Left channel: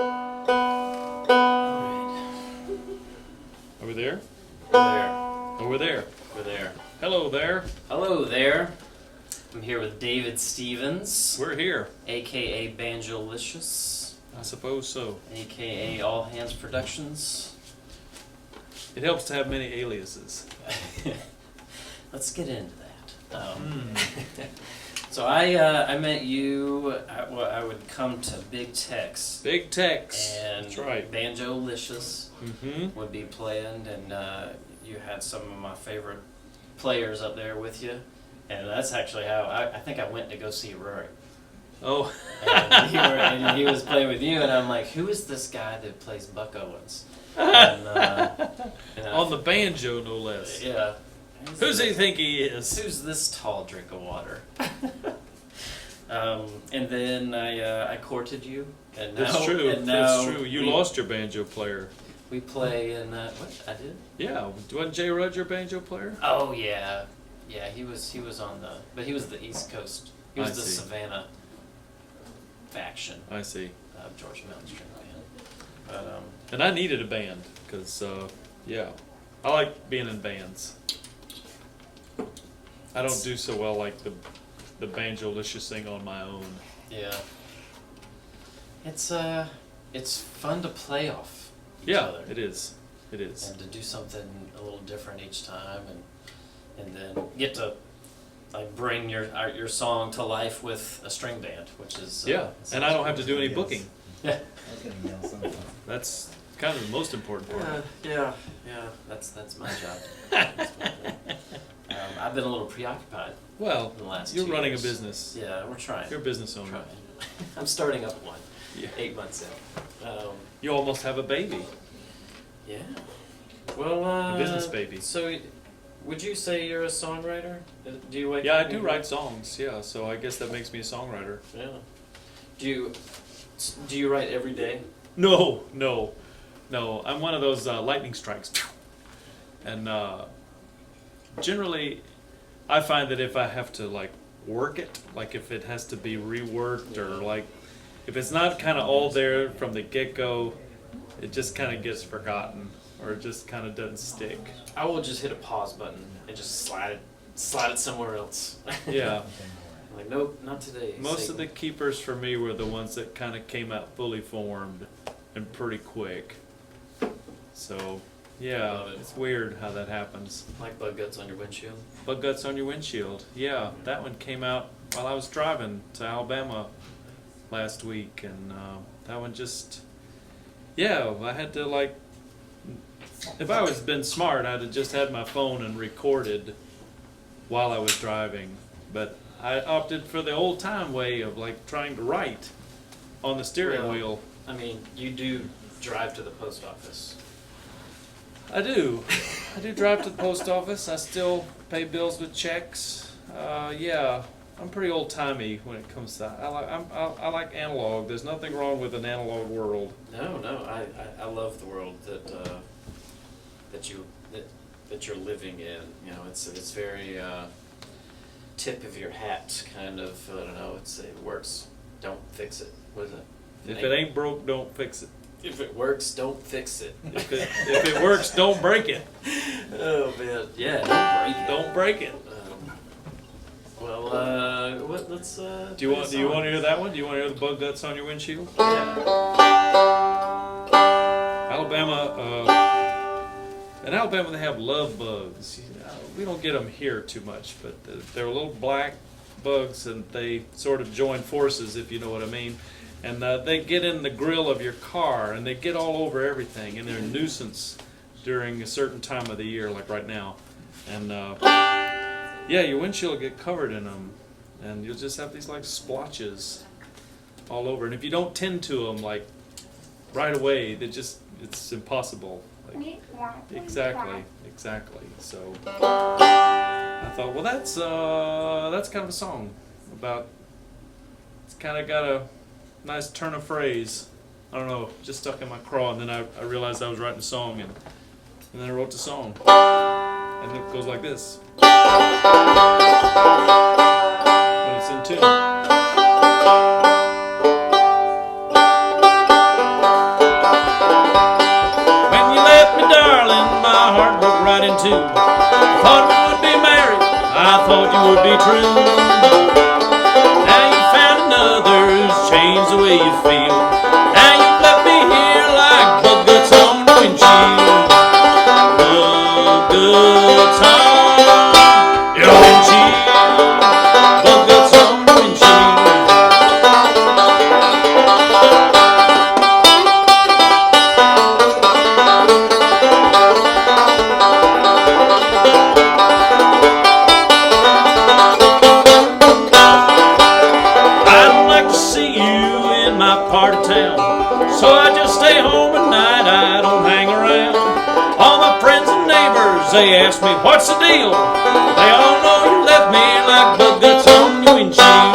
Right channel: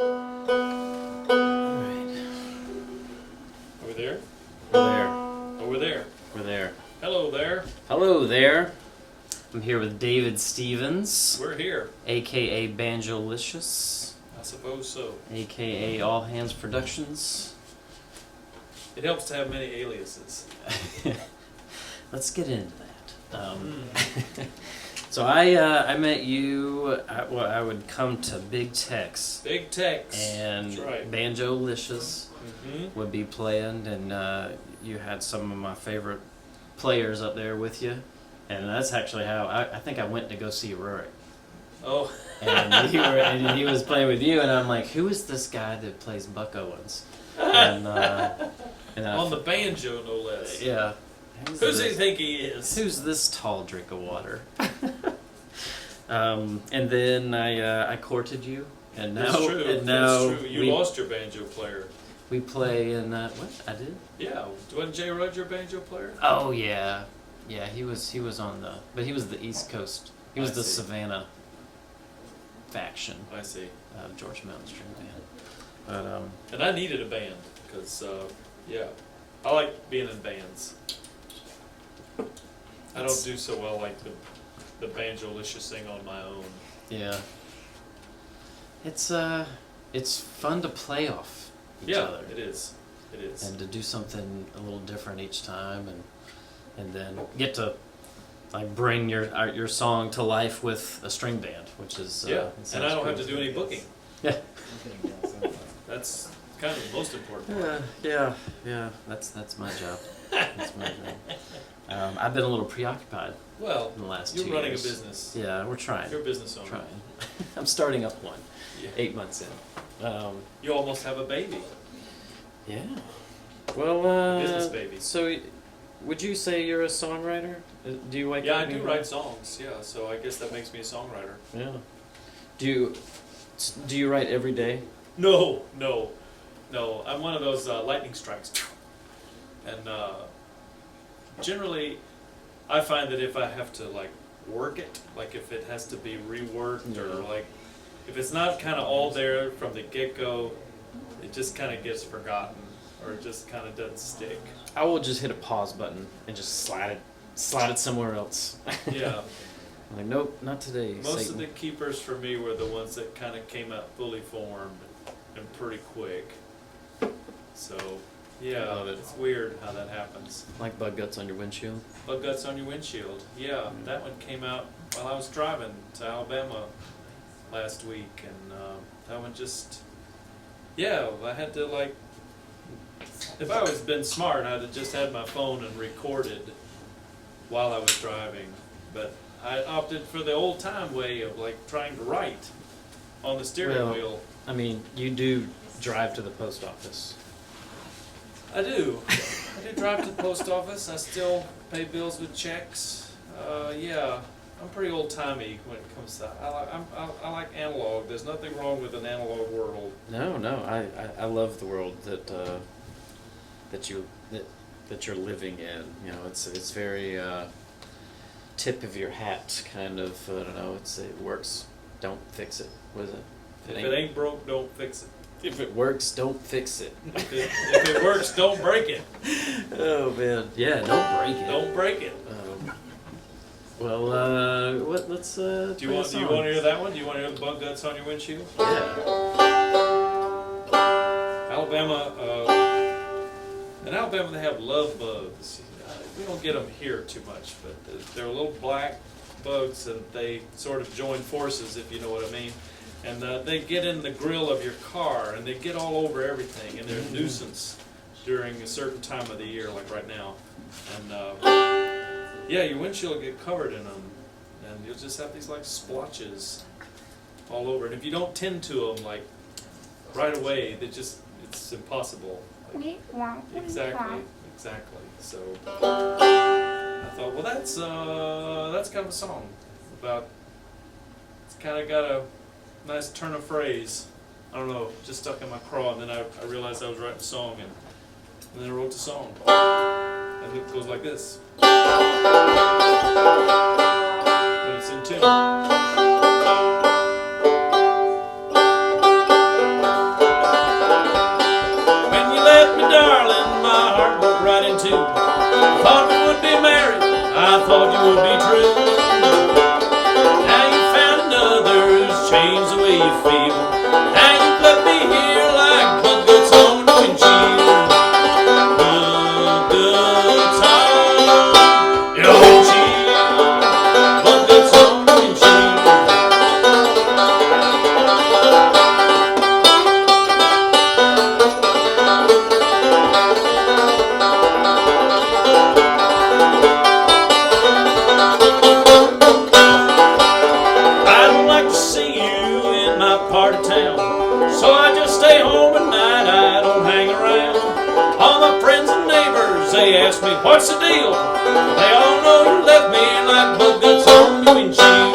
Alright. Over there? We're there. Over there. We're there. Hello there. Hello there. I'm here with David Stevens, We're here. aka Banjolicious, I suppose so. aka All Hands Productions. It helps to have many aliases. Let's get into that. So I met you. I would come to Big Tex. Big Tex. And That's right. Banjolicious would be playing, and you had some of my favorite players up there with you. And that's actually how I think I went to go see Rory. Oh. And he was playing with you, and I'm like, who is this guy that plays Buck Owens? And, On the banjo, no less. Yeah. Who does he think he is? Who's this tall drink of water? And then I courted you, and now That's true. And now That's true. You lost your banjo player. We play in what I did? Yeah, wasn't Jay Rudd your banjo player? Oh yeah, yeah. He was on the, but he was the East Coast. He was I the see. Savannah faction I see. of Georgia Mountain String Band. But And I needed a band because, yeah, I like being in bands. I don't do so well like the banjolicious thing on my own. yeah, it's fun to play off each Yeah, other. it is. It is. And to do something a little different each time, and then get to like bring your song to life with a string band, which is Yeah, it and I sounds don't have cool. to do any booking. Yeah, That's kind of the most important part. yeah. That's my job. That's my job. I've been a little preoccupied Well, in the last you're 2 running years. a business. Yeah, we're trying. You're a business owner. Trying. I'm starting up one. Yeah. 8 months in. You almost have a baby. Yeah. Well, A business baby. So, would you say you're a songwriter? Do you wake Yeah, up I do and- write songs. Yeah, so I guess that makes me a songwriter. Yeah. Do you write every day? No. I'm one of those lightning strikes. And generally, I find that if I have to like work it, like if it has to be reworked or like if it's not kind of all there from the get-go, it just kind of gets forgotten or it just kind of doesn't stick. I will just hit a pause button and just slide it somewhere else. Yeah. I'm like, nope, not today. Most Satan. of the keepers for me were the ones that kind of came out fully formed and pretty quick. So, yeah, Love it. it's weird how that happens. Like bug guts on your windshield. Bug guts on your windshield. Yeah, that one came out while I was driving to Alabama last week, and that one just, yeah, I had to like, if I was been smart, I'd have just had my phone and recorded while I was driving, but I opted for the old time way of like trying to write on the steering Well, wheel. I mean, you do drive to the post office. I do drive to the post office. I still pay bills with checks. Yeah, I'm pretty old timey when it comes to that. I like analog. There's nothing wrong with an analog world. No, I love the world that you're living in. You know, it's very tip of your hat kind of. I don't know. It works. Don't fix it. What is it? If it ain't broke, don't fix it. If it works, don't fix it. If it works, don't break it. Oh man, yeah, don't break it. Don't break it. Let's. Do you want to hear that one? Do you want to hear the bug guts on your windshield? Yeah. Alabama. In Alabama, they have love bugs. We don't get them here too much, but they're little black bugs, and they sort of join forces, if you know what I mean. And they get in the grill of your car, and they get all over everything, and they're a nuisance during a certain time of the year, like right now. And yeah, your windshield will get covered in them, and you'll just have these like splotches all over. And if you don't tend to them like right away, it's impossible. Like, exactly. So I thought, well, that's kind of a song about. It's kind of got a nice turn of phrase. I don't know, just stuck in my craw, and then I realized I was writing a song, and then I wrote the song, and it goes like this. When it's in tune. too. Thought we would be married, I thought you would be true. Now you found another who's changed the way you feel. Now you left me here like bug guts on the windshield. Bug guts on your windshield. Bug guts on the windshield. Part of town, so I just stay home at night, I don't hang around. All my friends and neighbors, they ask me, what's the deal? They all know you left me like bug guts on your windshield.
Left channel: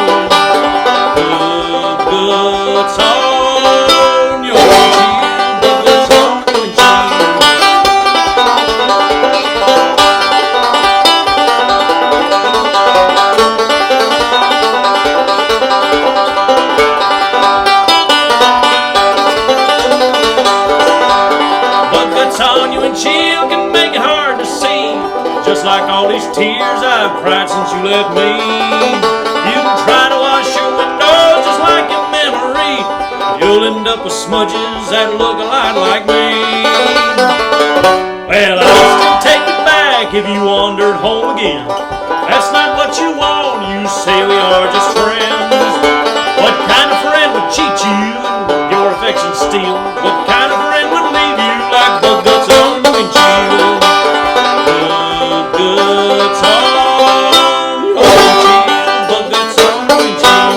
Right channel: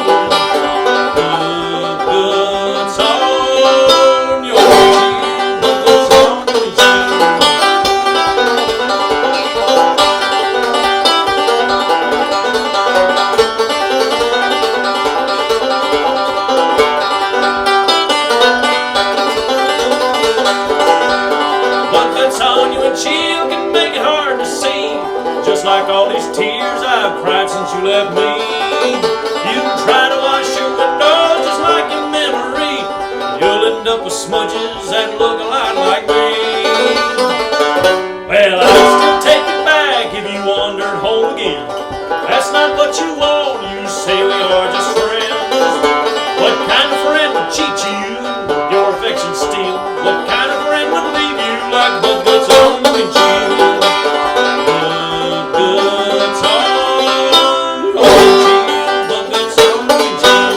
Bug guts on your windshield. Bug guts on your windshield. On you and chill can make it hard to see, just like all these tears I've cried since you left me. You can try to wash your window just like your memory, you'll end up with smudges that look a lot like me. Well, I'll still take you back if you wandered home again. That's not what you want, you say we are just friends. What kind of friend would cheat you and your affection steal? What kind of friend would leave you like bug guts on the windshield? Bug guts on your windshield. Bug guts on the windshield.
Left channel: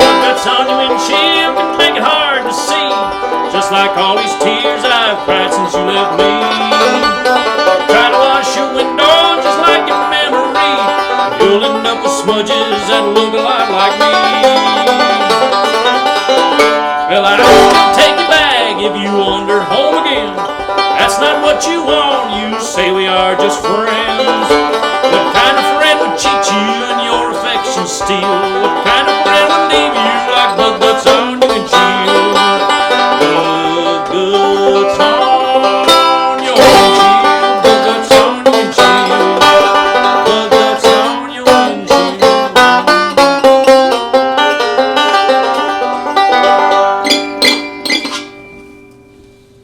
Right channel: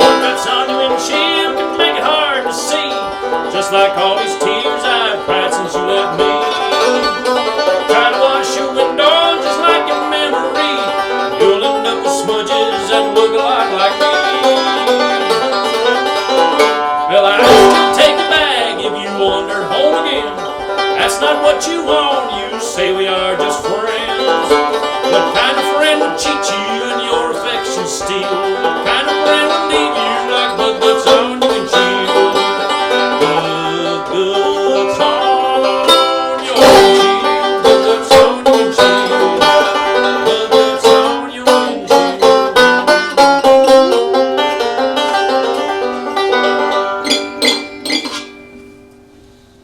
Bug guts on your windshield can make it hard to see, just like all these tears I've cried since you left me. Try to wash your window just like your memory, you'll end up with smudges that look a lot like me. Well, I'll still take you back if you wander home again. That's not what you want, you say we are just friends. What kind of friend would cheat you and your affection steal? What kind of friend would leave you like bug guts on your windshield? Bug guts on your windshield. Bug guts on your windshield. Bug guts on your windshield.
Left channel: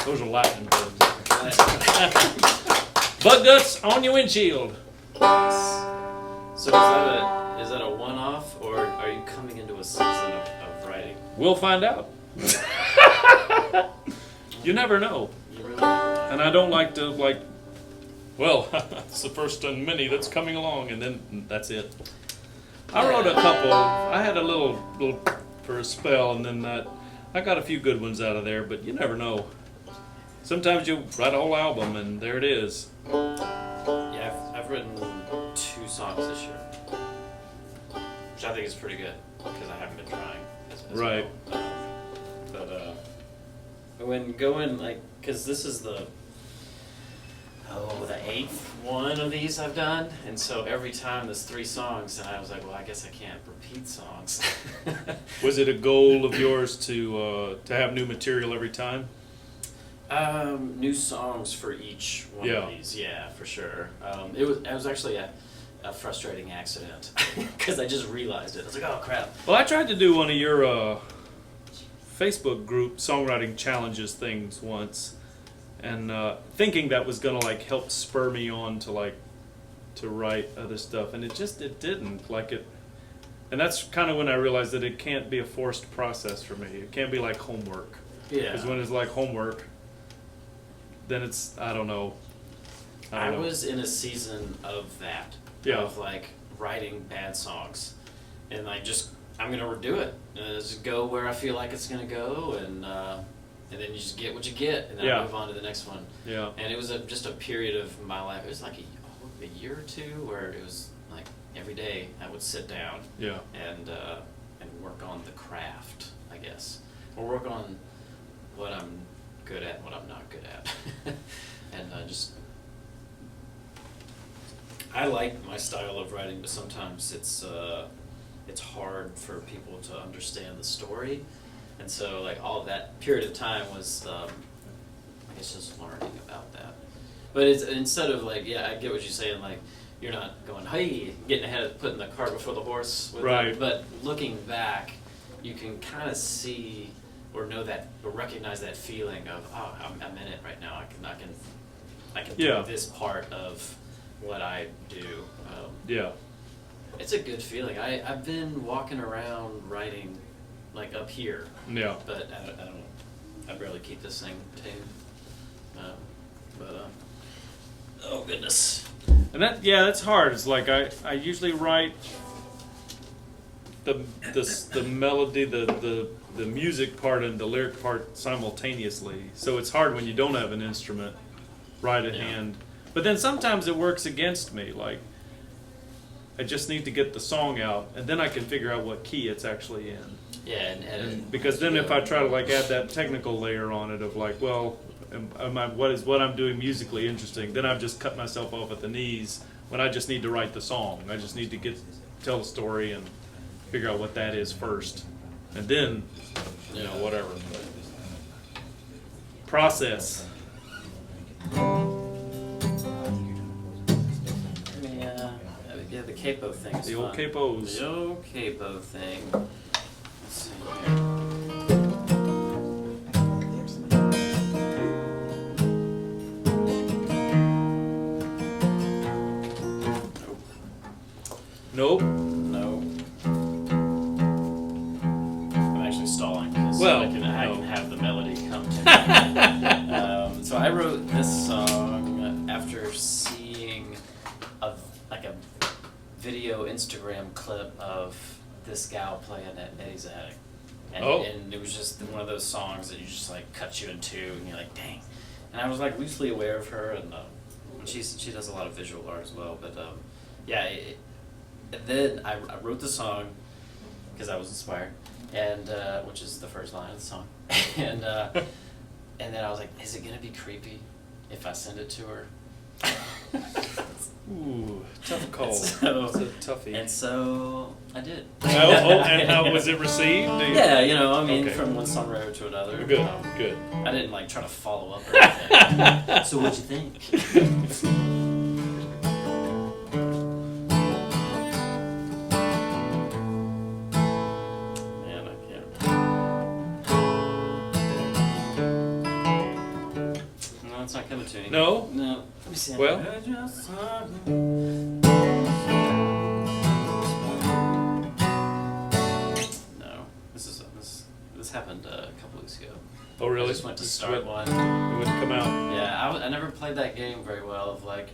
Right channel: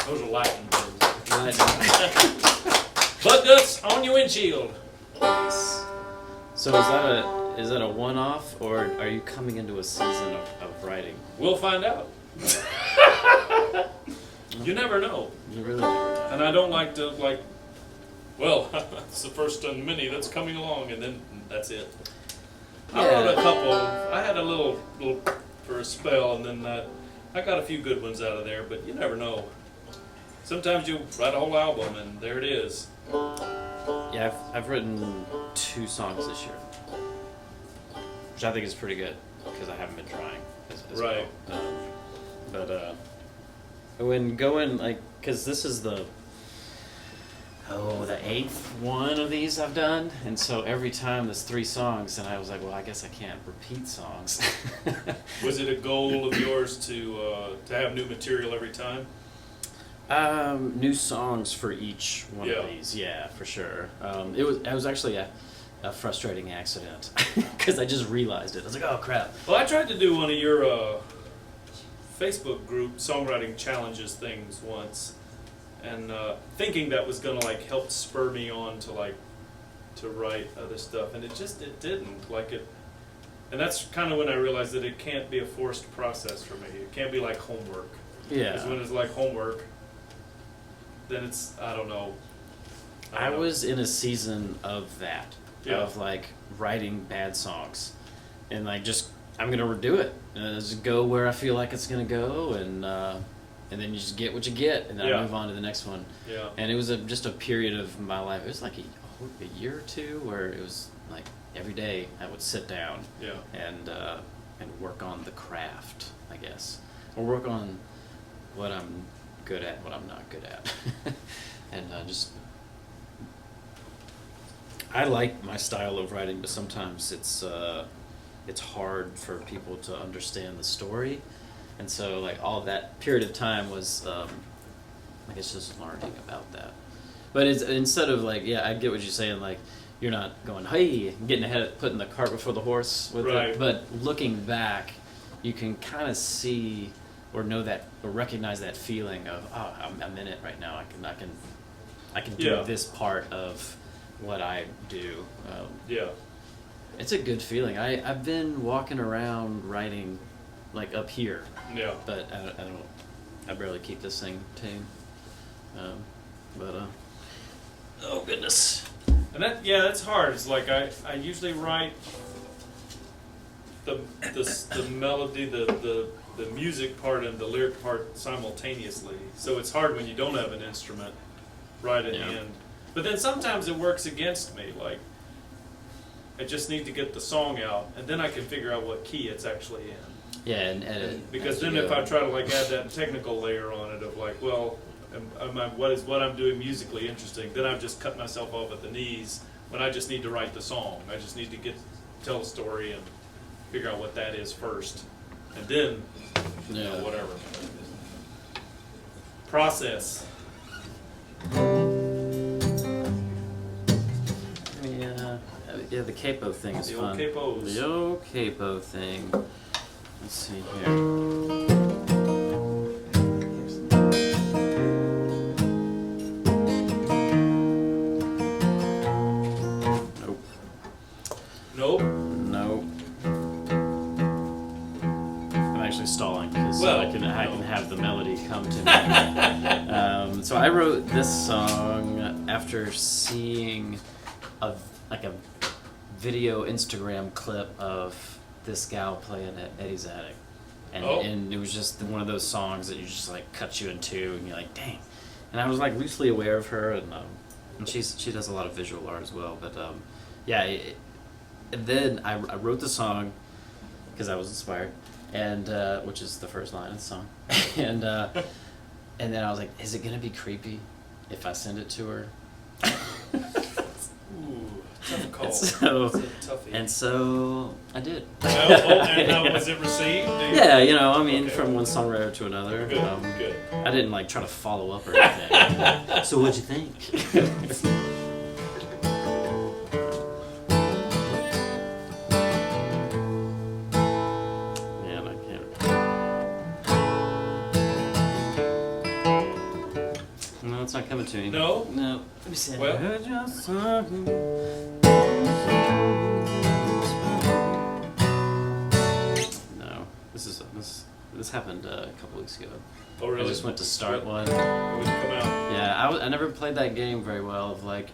Those are lightning bugs. Bug guts on your windshield. Nice. So is that a one-off, or are you coming into a season of writing? We'll find out. You never know. You really never know. And I don't like to, well, it's the first and many that's coming along, and then that's it. I wrote a couple. I had a little for a spell, and then I got a few good ones out of there, but you never know. Sometimes you write a whole album, and there it is. Yeah, I've written 2 songs this year, which I think is pretty good because I haven't been trying as Right. well. When going because this is the 8th one of these I've done, and so every time there's 3 songs, and I was like, well, I guess I can't repeat songs. Was it a goal of yours to have new material every time? New songs for each one of these, yeah, for sure. It was actually a frustrating accident because I just realized it. I was like, oh crap. Well, I tried to do one of your Facebook group songwriting challenges things once, and thinking that was gonna help spur me on to write other stuff, and it didn't and that's kind of when I realized that it can't be a forced process for me. It can't be like homework. Yeah. Because when it's like homework, then it's I don't know. I was in a season of that. Yeah. Of writing bad songs, and I'm gonna do it. Just go where I feel like it's gonna go, and then you just get what you get, and then I move on to the next one. Yeah. And it was just a period of my life. It was a year or two where it was every day I would sit down. Yeah. And work on the craft, I guess, or work on what I'm good at and what I'm not good at, and just I like my style of writing, but sometimes it's hard for people to understand the story, and so like all of that period of time was I guess just learning about that. But it's instead of like, yeah, I get what you're saying, like you're not going, hey, getting ahead, putting the cart before the horse with Right. it, but looking back, you can kind of see or know that or recognize that feeling of, oh, I'm in it right now. I can do Yeah. this part of what I do. Yeah. It's a good feeling. I've been walking around writing, like up here, Yeah. but I barely keep this thing tame. Oh goodness. And that's hard. It's like I usually write the melody, the music part and the lyric part simultaneously. So it's hard when you don't have an instrument right at hand. But then sometimes it works against me. Like I just need to get the song out, and then I can figure out what key it's actually in. Yeah, and edit. Because then if I try to like add that technical layer on it of like, well, what I'm doing musically interesting, then I've just cut myself off at the knees when I just need to write the song. I just need to tell a story and figure out what that is first, and then you know, whatever process. Yeah, the capo thing is The fun. old capos. The old capo thing. Let's see here. Nope. Nope. I'm actually stalling because Well, I can have the melody come to me. So I wrote this song after seeing a video Instagram clip of this gal playing at Eddie's Attic. And it was just one of those songs that you just like cut you in two and you're like, dang. And I was like loosely aware of her, and she does a lot of visual art as well. But and then I wrote the song because I was inspired, and which is the first line of the song, and then I was like, is it gonna be creepy if I send it to her? Ooh, tough call. So, it's a toughie. And so I did. And how was it received? Yeah, I mean, Okay. from one songwriter to another. Good, good. I didn't like try to follow up or anything. So what'd you think? Man, I can't. No, it's not coming to me. No? No. Let me see. Well. I heard your song. No, this happened a couple weeks ago. Oh, really? I just went to start one. It wouldn't come out. Yeah, I never played that game very well of like,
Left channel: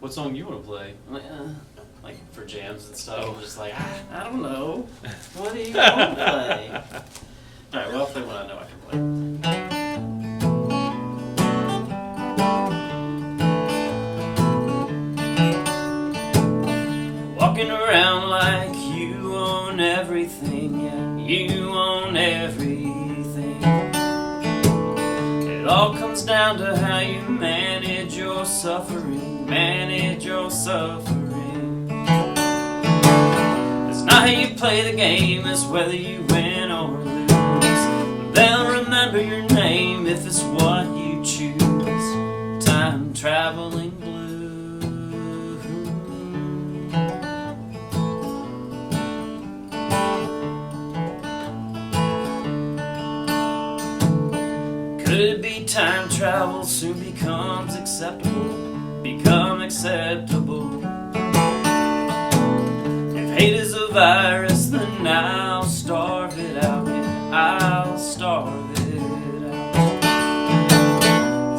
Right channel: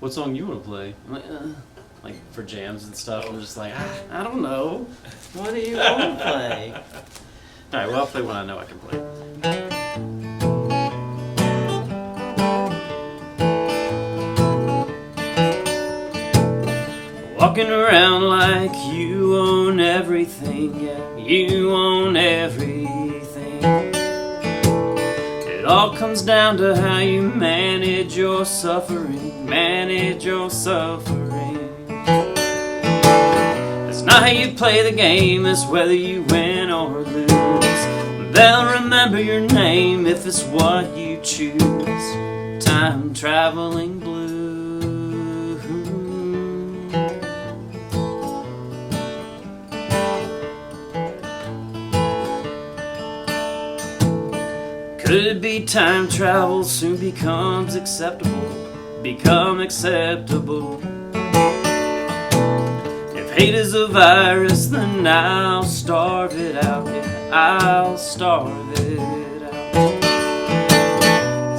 what song you want to play? I'm like for jams and stuff. I'm just like, I don't know. What do you want to play? All right, well, I'll play one I know I can play. Walking around like you own everything, yeah, you own everything. It all comes down to how you manage your suffering, manage your suffering. It's not how you play the game, it's whether you win or lose. They'll remember your name if it's what you choose. Time traveling blues. Could it be time travel soon becomes acceptable? Become acceptable. If hate is a virus, then I'll starve it out. Yeah, I'll starve it out.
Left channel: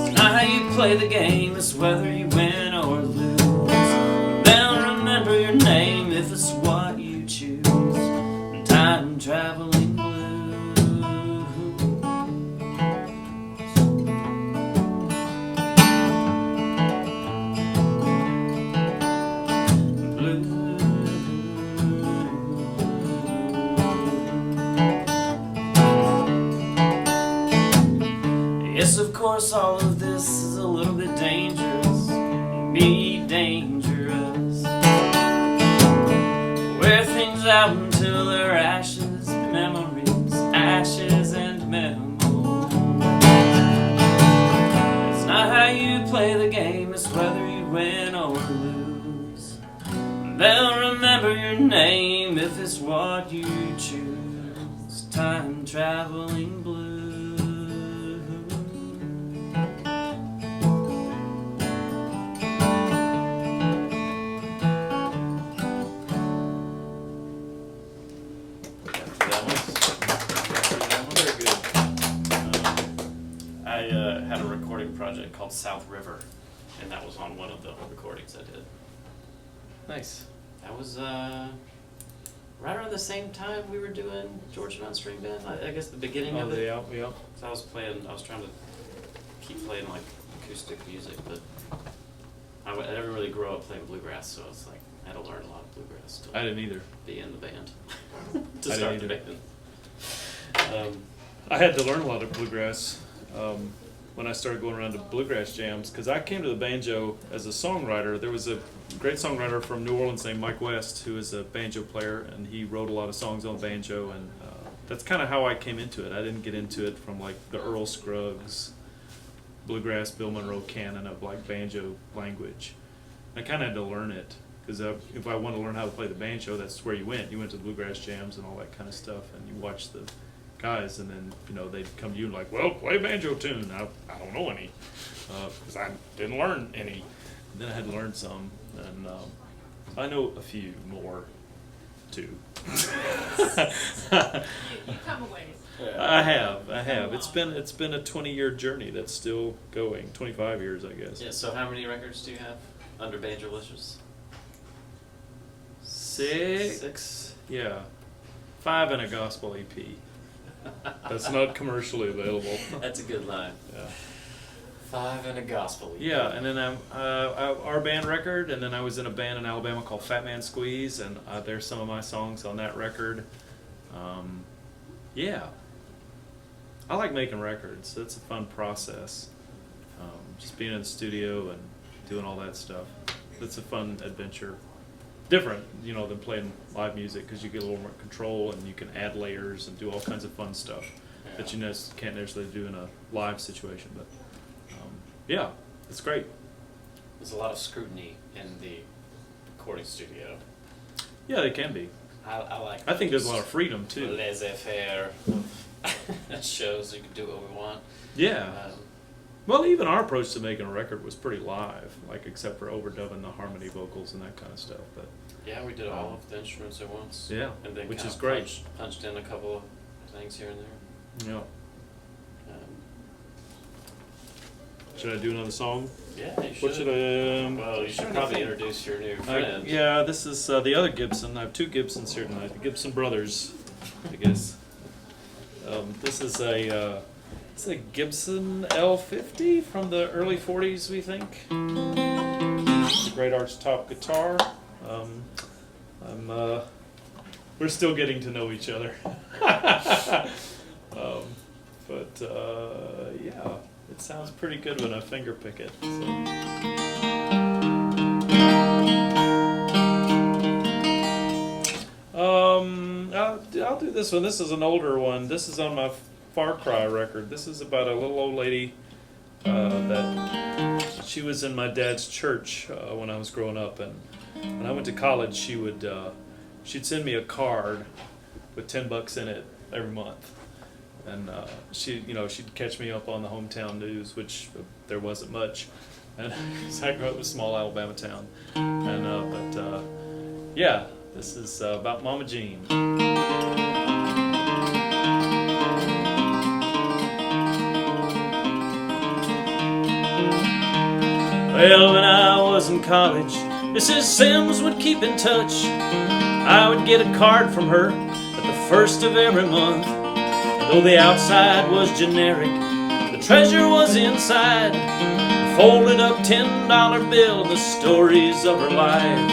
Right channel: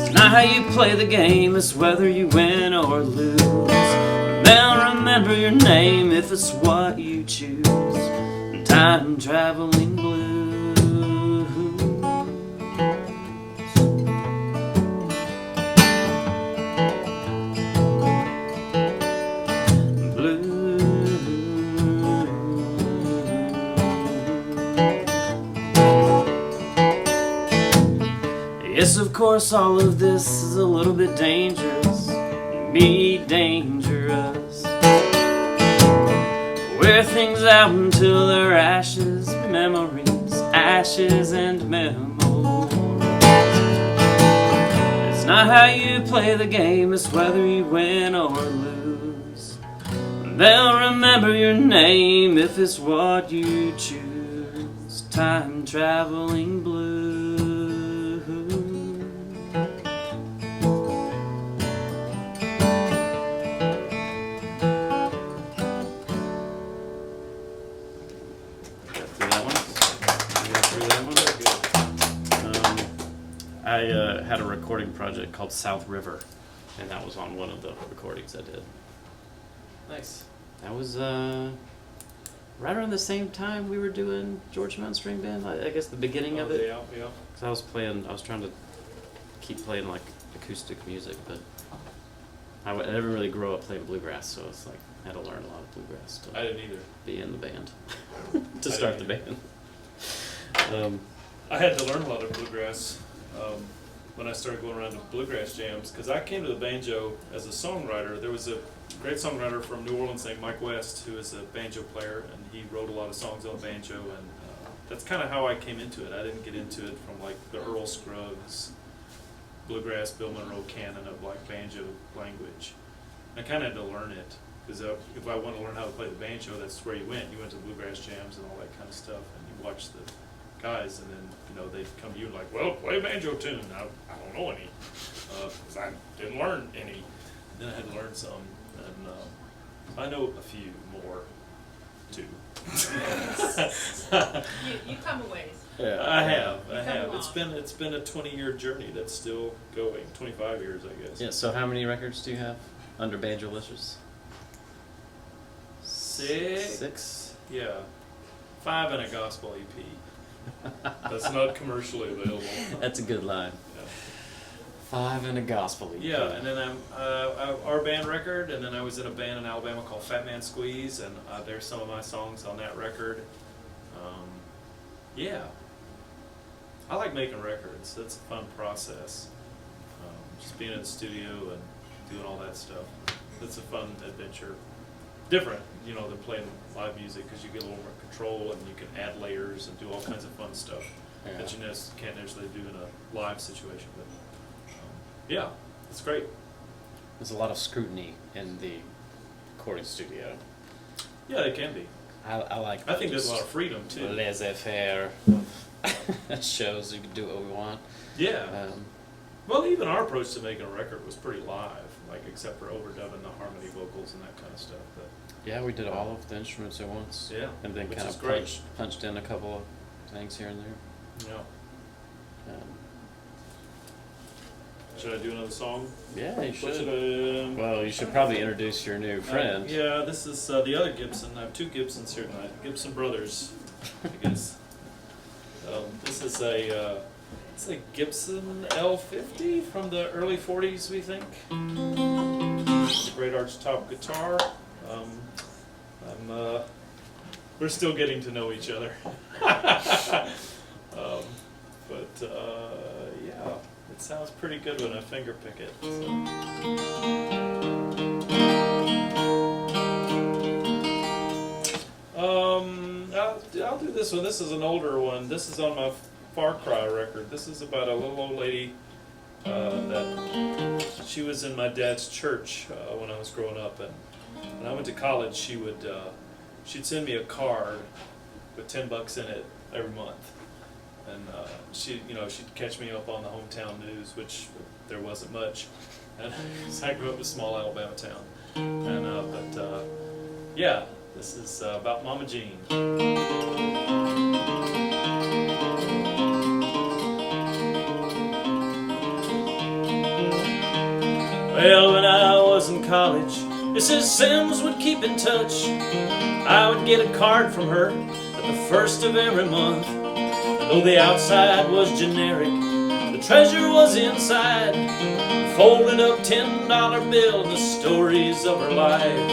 It's not how you play the game, it's whether you win or lose. They'll remember your name if it's what you choose. Time traveling blues. Yes, of course, all of this is a little bit dangerous. Me dangerous. wear things out until they're ashes, memories, ashes and memos. It's not how you play the game, it's whether you win or lose. They'll remember your name if it's what you choose. Time traveling blues. I had a recording project called South River, and that was on one of the recordings I did. Nice. That was right around the same time we were doing George Mountain String Band. I guess the beginning of it. Yeah, yeah. 'Cause I was trying to keep playing like acoustic music, but I didn't really grow up playing bluegrass, so it's like I had to learn a lot of bluegrass to I didn't either. be in the band to I start the didn't band. I had to learn a lot of bluegrass when I started going around to bluegrass jams, because I came to the banjo as a songwriter. There was a great songwriter from New Orleans named Mike West, who is a banjo player, and he wrote a lot of songs on banjo, and that's kind of how I came into it. I didn't get into it from like the Earl Scruggs, bluegrass, Bill Monroe canon of like banjo language. I kind of had to learn it, because if I wanted to learn how to play the banjo, that's where you went. You went to bluegrass jams and all that kind of stuff, and you watched the guys, and then they'd come to you and like, well, play a banjo tune. I don't know any, because I didn't learn any. And then I had to learn some, and I know a few more too. You come a ways. Yeah. I have. It's been a 20-year journey that's still going. 25 years, I guess. Yeah. So how many records do you have under Banjo Listers? 6. 6. Yeah. 5 and a gospel EP. That's not commercially available. That's a good line. Yeah. 5 and a gospel. Yeah, and then our band record, and then I was in a band in Alabama called Fat Man Squeeze, and there's some of my songs on that record. Yeah, I like making records. That's a fun process. Just being in the studio and doing all that stuff. That's a fun adventure. Different, than playing live music, because you get a little more control and you can add layers and do all kinds of fun stuff that you can't necessarily do in a live situation. But yeah, it's great. There's a lot of scrutiny in the recording studio. Yeah, they can be. I like. I think there's a lot of freedom too. Laissez-faire shows. You can do what we want. Yeah. Well, even our approach to making a record was pretty live, like except for overdubbing the harmony vocals and that kind of stuff. But yeah, we did all of the instruments at once. Yeah, and then which kind is of great. Punched in a couple of things here and there. Yeah. Should I do another song? Yeah, you should. What should I? Well, you should probably introduce your new friend. Yeah, this is the other Gibson. I have 2 Gibsons here tonight. The Gibson brothers, I guess. This is it's a Gibson L50 from the early 40s, we think. It's a great arch-top guitar. We're still getting to know each other. Yeah, it sounds pretty good when I finger pick it. I'll do this one. This is an older one. This is on my Far Cry record. This is about a little old lady that she was in my dad's church when I was growing up, and when I went to college, she'd send me a card with $10 in it every month, and she'd catch me up on the hometown news, which there wasn't much, and I grew up in a small Alabama town, and yeah, this is about Mama Jean. Well, when I was in college, Mrs. Sims would keep in touch. I would get a card from her at the first of every month. And though the outside was generic, the treasure was inside. A folded up $10 bill and the stories of her life.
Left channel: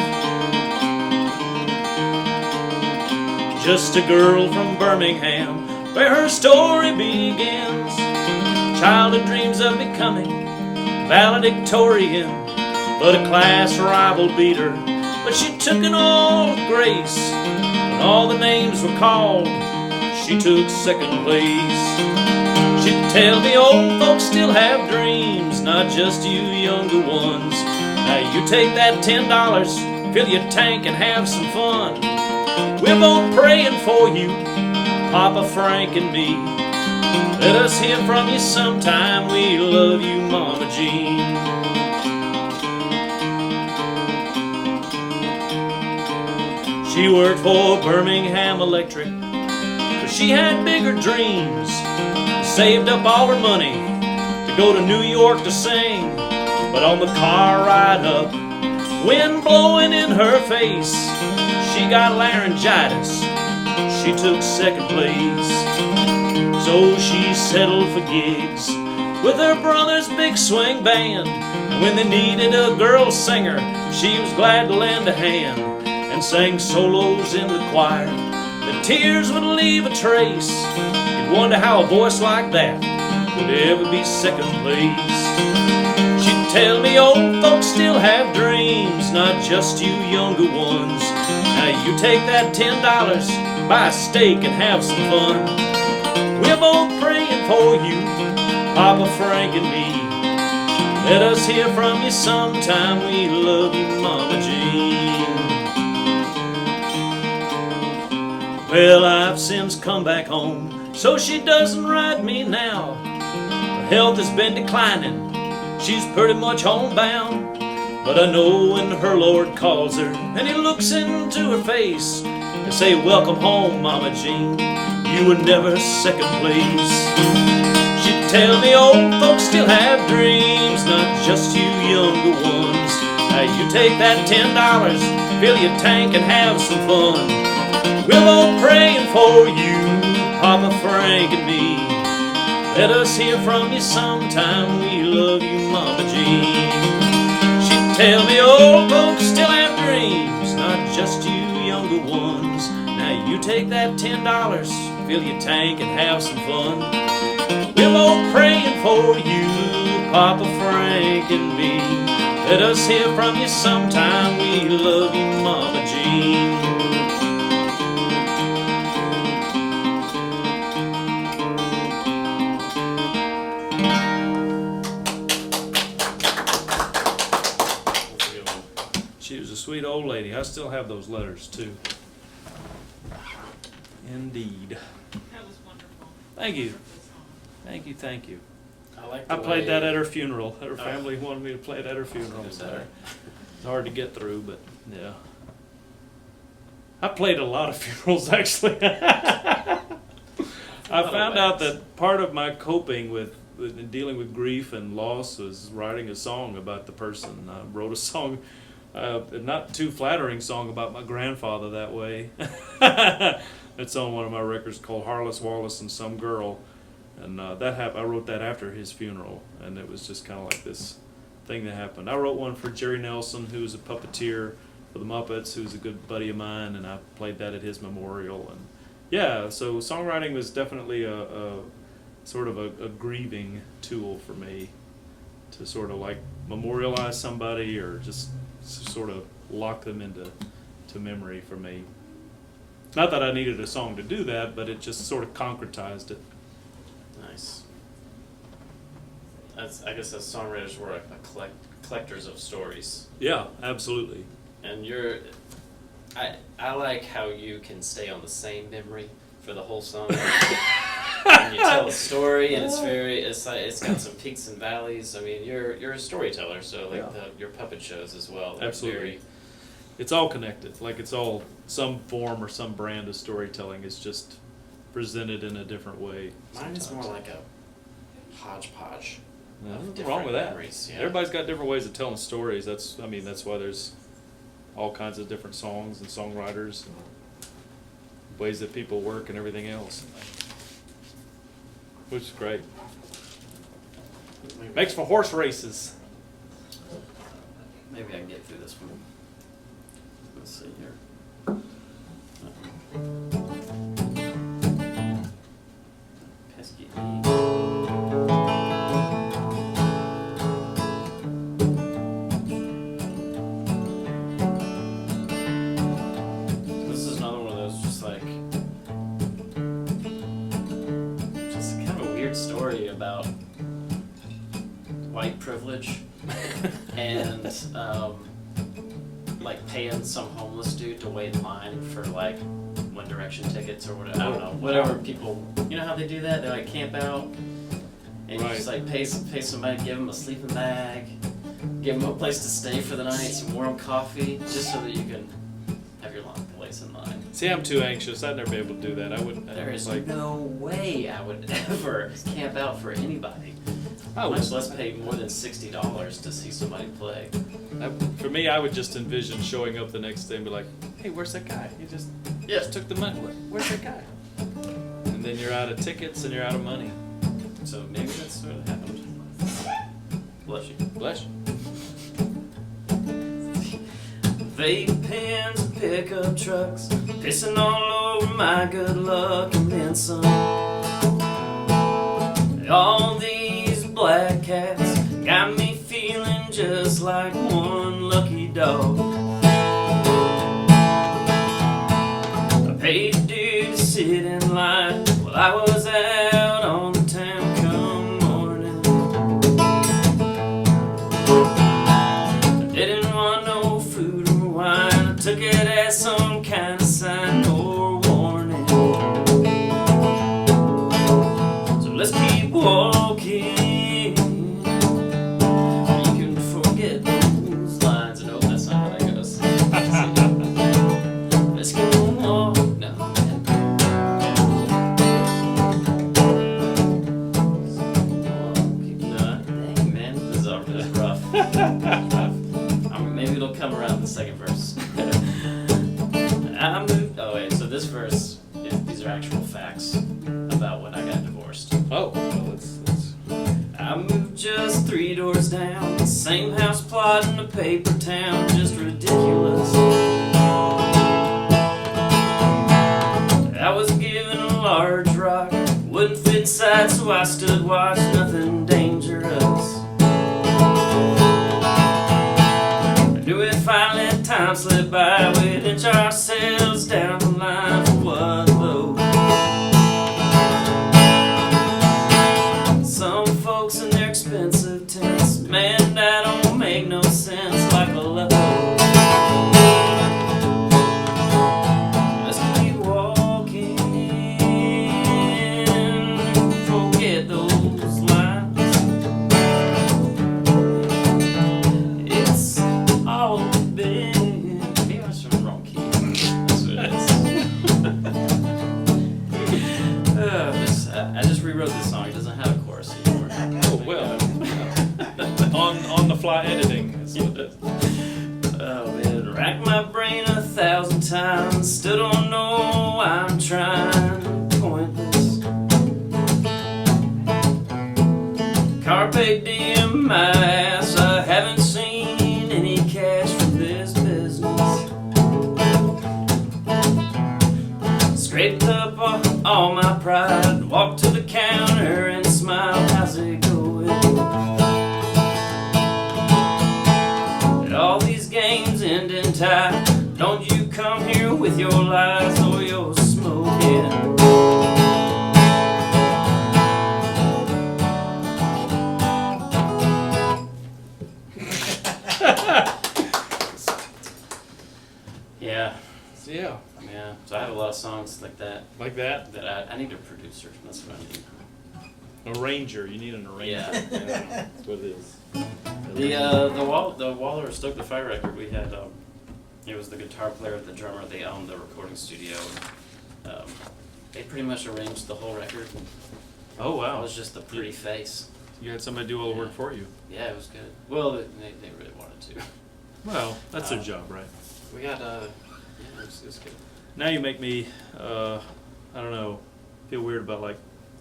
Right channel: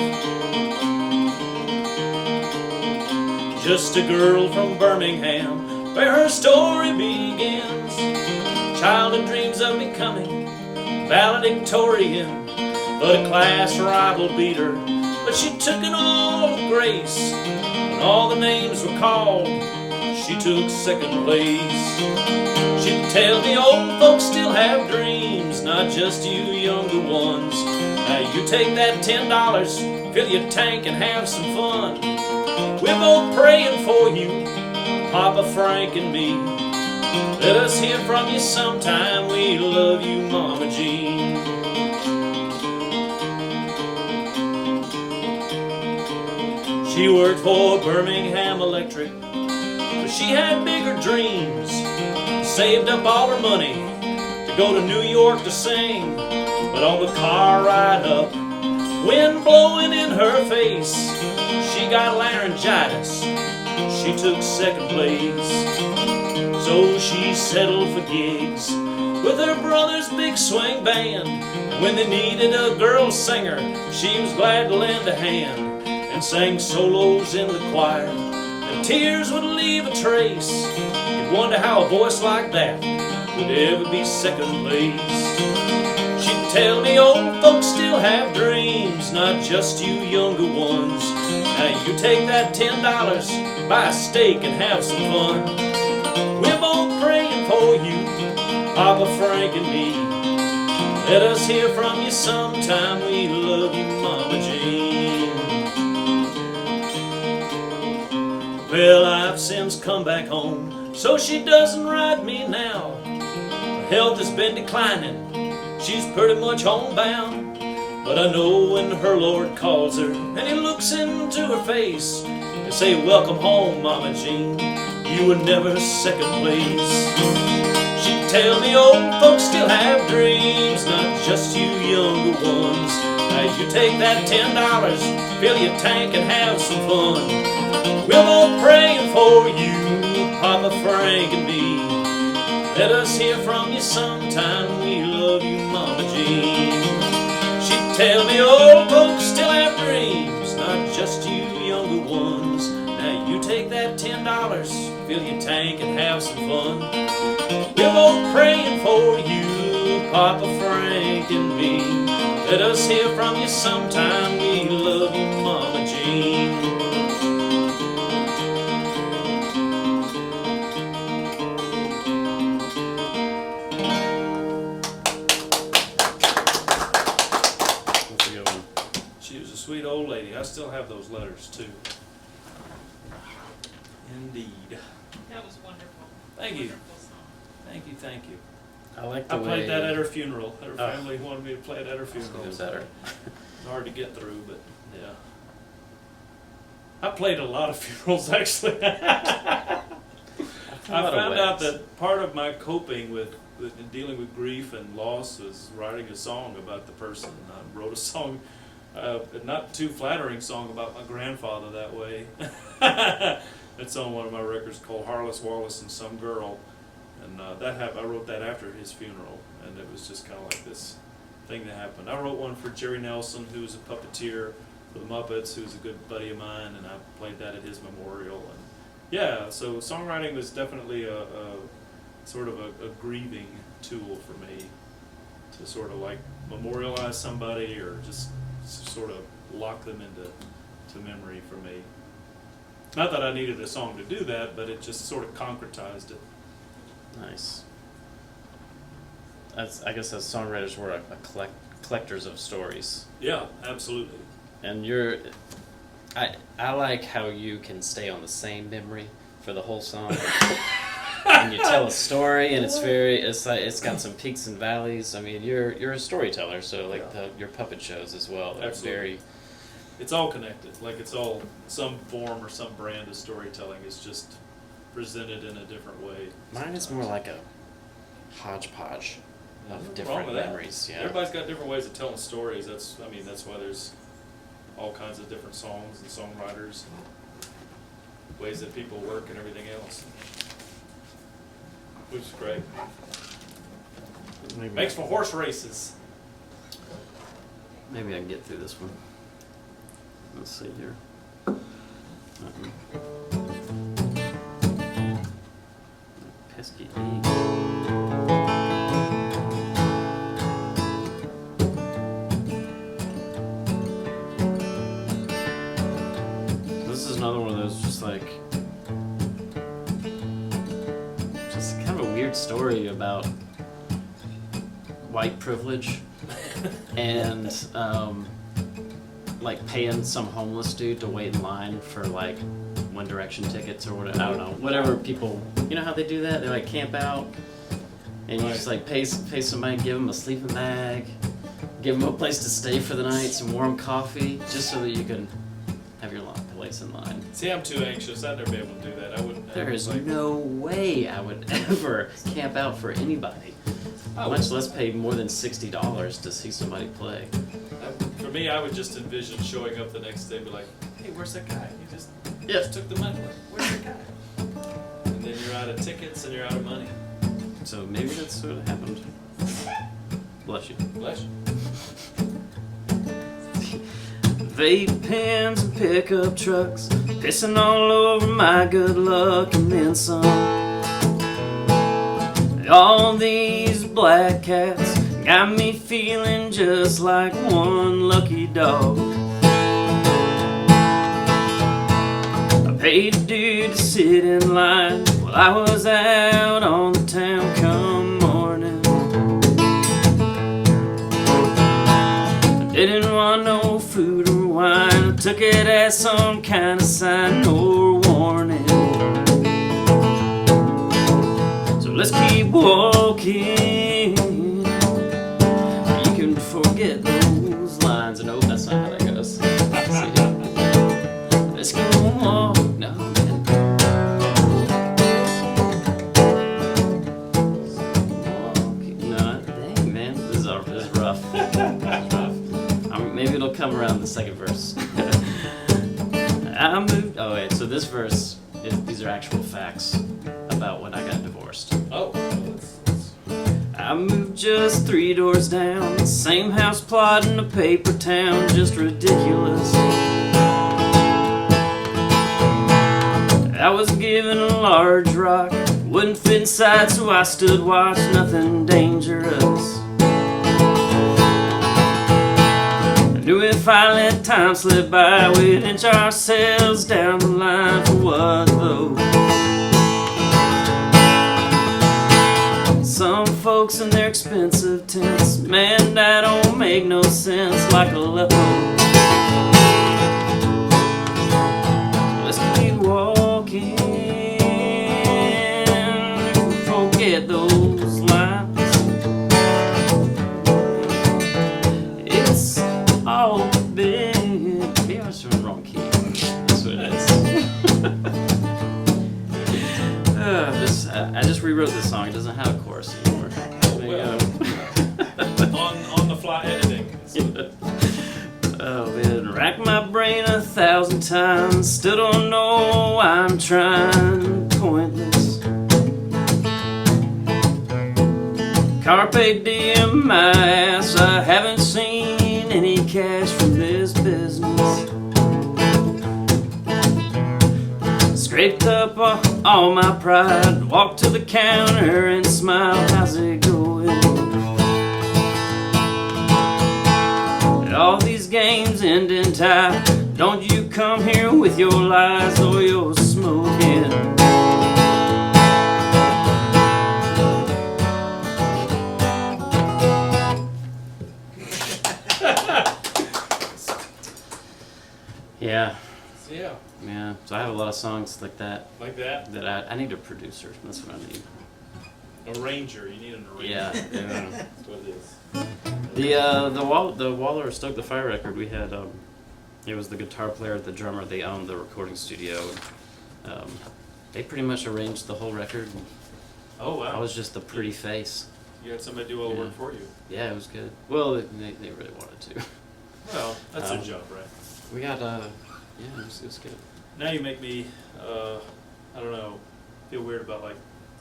Just a girl from Birmingham, where her story begins. Childhood dreams of becoming valedictorian, but a class rival beat her but she took it all with grace. When all the names were called, she took second place. She'd tell me old folks still have dreams, not just you younger ones. Now you take that $10, fill your tank and have some fun. We're both praying for you, Papa Frank and me. Let us hear from you sometime. We love you, Mama Jean. She worked for Birmingham Electric, but she had bigger dreams. Saved up all her money to go to New York to sing. But on the car ride up, wind blowing in her face, she got laryngitis. She took second place. So she settled for gigs with her brother's big swing band. And when they needed a girl singer, she was glad to lend a hand and sang solos in the choir. The tears would leave a trace. You'd wonder how a voice like that could ever be second place. She'd tell me old folks still have dreams, not just you younger ones. Now you take that $10, buy a steak and have some fun. We're both praying for you, Papa Frank and me. Let us hear from you sometime. We love you, Mama Jean. Well, I've since come back home, so she doesn't ride me now. Her health has been declining, she's pretty much homebound. But I know when her Lord calls her and he looks into her face and say, welcome home, Mama Jean, you were never second place. She'd tell me old folks still have dreams, not just you younger ones. Now you take that $10, fill your tank and have some fun. We're all praying for you, Papa Frank and me. Let us hear from you sometime. We love you, Mama Jean. She'd tell me old folks still have dreams, not just you younger ones. Now you take that $10, fill your tank and have some fun. We're both praying for you, Papa Frank and me. Let us hear from you sometime. We love you, Mama Jean. She was a sweet old lady. I still have those letters too. Indeed. That was wonderful. Thank you. Wonderful song. Thank you, thank you. I like the I played way- that at her funeral. Her Oh. family wanted me to play it at her funeral. Even so better. It's hard to get through, but yeah. I played a lot of funerals actually. I lot of found out weddings. that part of my coping with dealing with grief and loss was writing a song about the person. I wrote a song, a not too flattering song about my grandfather that way. It's on one of my records called Harless Wallace and Some Girl. And I wrote that after his funeral, and it was just kind of like this thing that happened. I wrote one for Jerry Nelson, who was a puppeteer for the Muppets, who's a good buddy of mine, and I played that at his memorial. And yeah, so songwriting was definitely a sort of a grieving tool for me to sort of like memorialize somebody or just sort of lock them into memory for me. Not that I needed a song to do that, but it just sort of concretized it. Nice. I guess as songwriters, we're collectors of stories. Yeah, absolutely. And I like how you can stay on the same memory for the whole song. And you tell a story, and it's got some peaks and valleys. I mean, you're a storyteller, so like Yeah. your puppet shows as well. They're Absolutely. very, It's all connected. Like it's all some form or some brand of storytelling. It's just presented in a different way. mine is sometimes. more like a hodgepodge of Nothing different wrong with that. memories. Yeah. Everybody's got different ways of telling stories. That's why there's all kinds of different songs and songwriters and ways that people work and everything else. Which is great. Maybe, Makes for horse races. maybe I can get through this one. Let's see here. Pesky E. great story about white privilege and like paying some homeless dude to wait in line for like One Direction tickets or whatever. I don't know, whatever people. You know how they do that? They like camp out, and you just like pay somebody, give them a sleeping bag, give them a place to stay for the night, some warm coffee, just so that you can have your place in line. See, I'm too anxious. I'd never be able to do that. I wouldn't. There is no way I would ever camp out for anybody. Much less pay more than $60 to see somebody play. For me, I would just envision showing up the next day and be like, "Hey, where's that guy? He just took the money. Where's that guy?" And then you're out of tickets and you're out of money. So maybe that's what happened. Bless you. Bless you. Vape pens and pickup trucks, pissing all over my good luck and then some. All these black cats got me feeling just like one lucky dog. I paid dear to sit in line while I was out on the town come morning. I didn't want no food or wine, I took it as some kind of sign or warning. So let's keep walking. You can forget those lines. No, that's not how that goes. Let's go walk. No, man. No, dang, man. This is rough. Maybe it'll come around the second verse. I moved. Oh wait. So this verse, these are actual facts about when I got divorced. Oh, well, that's. I moved just 3 doors down, the same house plot in a paper town, just ridiculous. I was given a large rock, wouldn't fit inside, so I stood watch, nothing dangerous. I knew if I let time slip by, we'd inch ourselves down the line for what though? Some folks in their expensive tents, man, that don't make no sense, like Aleppo. Let's keep walking, forget those lines. It's all been. Maybe I was in the wrong key. That's what it is. I just rewrote this song. It doesn't have a chorus anymore. Oh, well. on the fly editing. Oh man, racked my brain 1,000 times. Still don't know why I'm trying. Pointless. Carpe diem my ass. I haven't seen any cash from this business. Scraped up all my pride, walked to the counter and smiled, how's it going? All these games end in tie, don't you come here with your lies or your smoking. Yeah. Yeah. Yeah, so I have a lot of songs like that. Like that? That I need a producer. That's what I need. Arranger. You need an arranger. Yeah. That's what it is. The Waller Stoke the Fire record. We had it was the guitar player, the drummer. They owned the recording studio. And, they pretty much arranged the whole record. Oh wow! I was just the pretty face. You had somebody do all the work for you. Yeah, it was good. Well, they really wanted to. Well, that's their job, right? We got yeah, it was good. Now you make me, I don't know, feel weird about like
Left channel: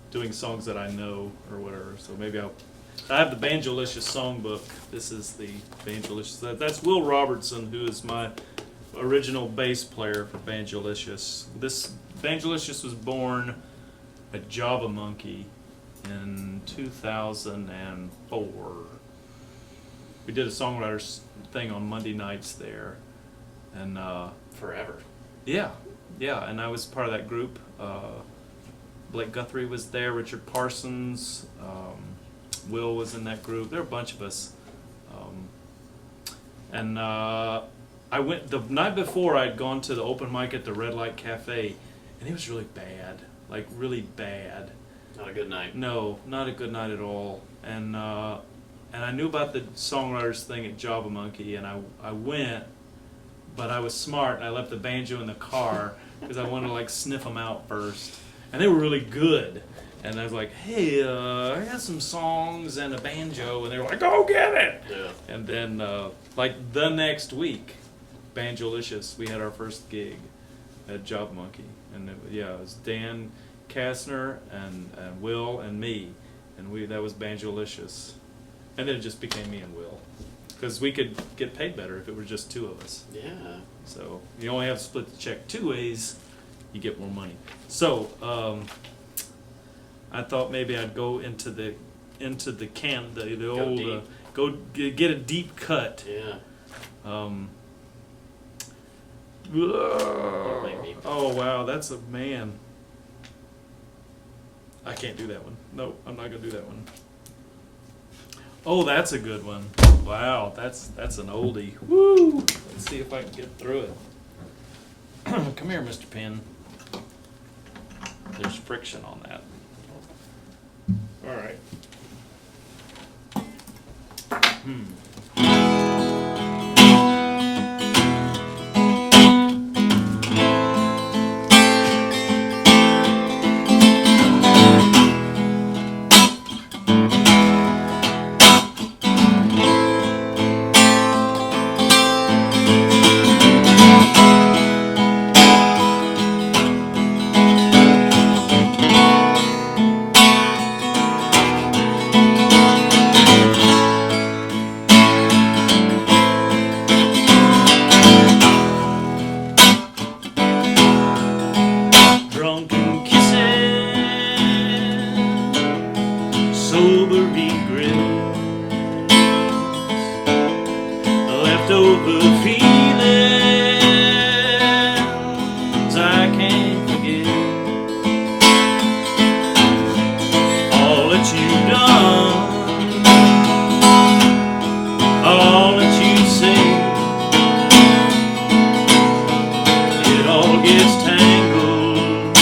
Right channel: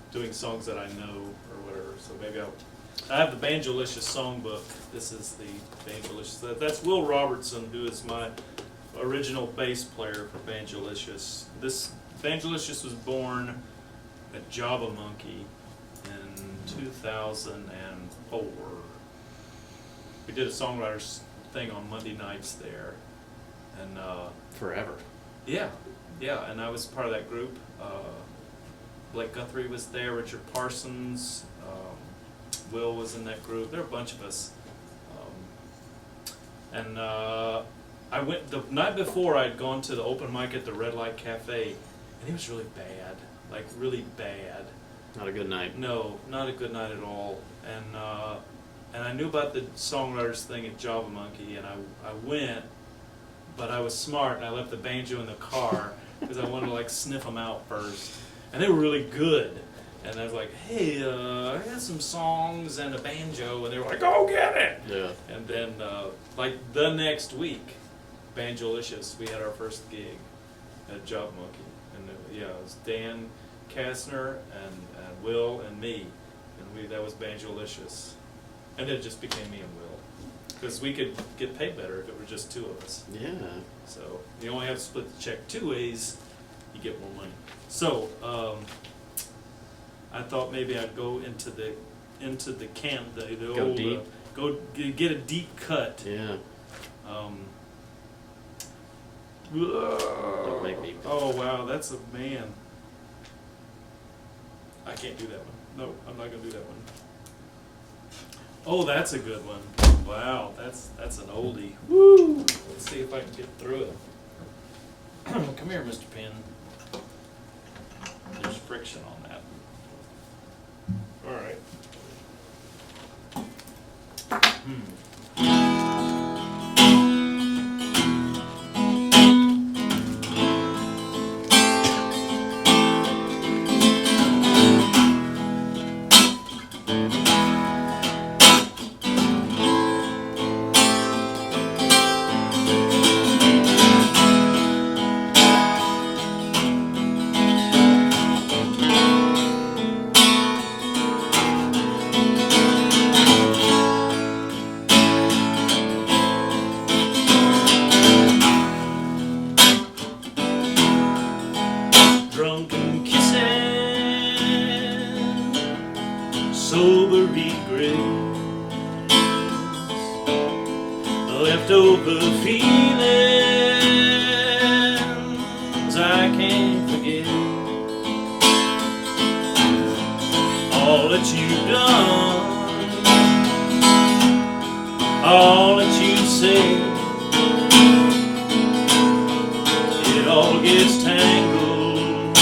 doing songs that I know or whatever. So maybe I have the Banjolicious songbook. This is the Banjolicious. That's Will Robertson, who is my original bass player for Banjolicious. This Banjolicious was born a Java Monkey in 2004. We did a songwriters thing on Monday nights there, and Forever. yeah, and I was part of that group. Blake Guthrie was there, Richard Parsons, Will was in that group. There were a bunch of us. And I went the night before. I'd gone to the open mic at the Red Light Cafe, and it was really bad, like really bad. Not a good night. No, not a good night at all. And I knew about the songwriters thing at Java Monkey, and I went, but I was smart, and I left the banjo in the car because I wanted to like sniff them out first, and they were really good. And I was like, hey, I got some songs and a banjo, and they were like, go get it. Yeah. And then like the next week, Banjolicious, we had our first gig at Job Monkey, and it was Dan Kastner and Will and me, and that was Banjolicious, and then it just became me and Will, because we could get paid better if it were just two of us. Yeah. So you only have to split the check 2 ways, you get more money. So I thought maybe I'd go into the old deep. Go get a deep cut. Yeah. Don't make me. Oh wow, that's a man. I can't do that one. Nope, I'm not gonna do that one. Oh, that's a good one. Wow, that's an oldie. Woo! Let's see if I can get through it. Come here, Mr. Penn. There's friction on that. All right. Drunken kisses, sober regrets, leftover feelings I can't forget. All that you've done, all that you said, it all gets tangled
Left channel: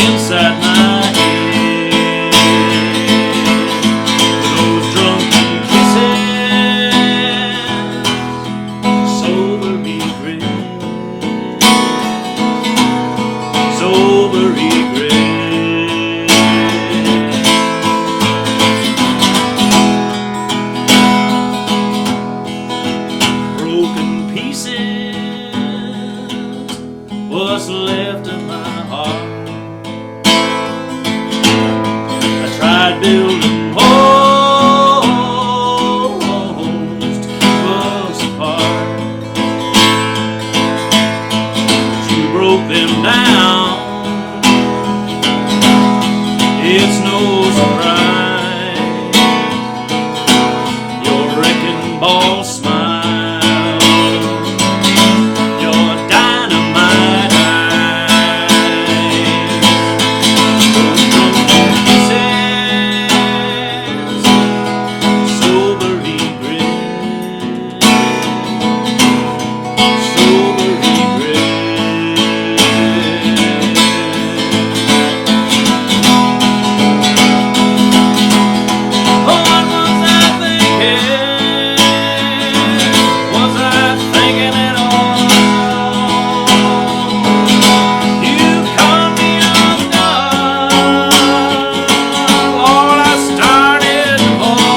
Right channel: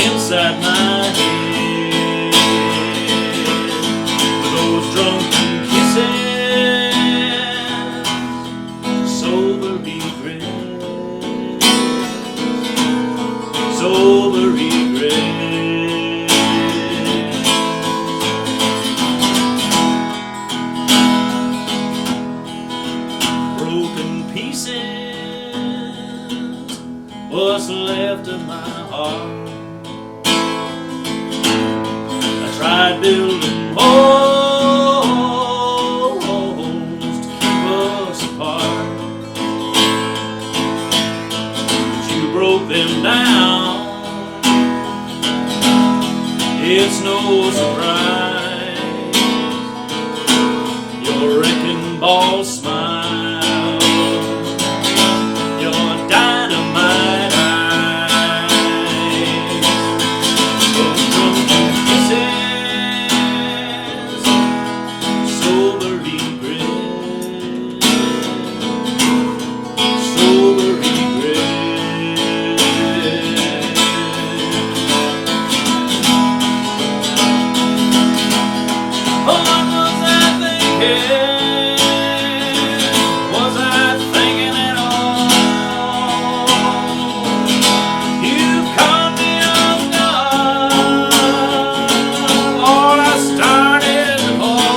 inside my head. Those drunken kisses, sober regrets, sober regrets. Broken pieces, what's left of my heart. I tried building walls to keep us apart, but you broke them down. It's no surprise your wrecking ball smile, your dynamite eyes. Those drunken kisses, sober regret, sober regret. What was I thinking? Was I thinking at all? You caught me off guard. Lord, I started to fall.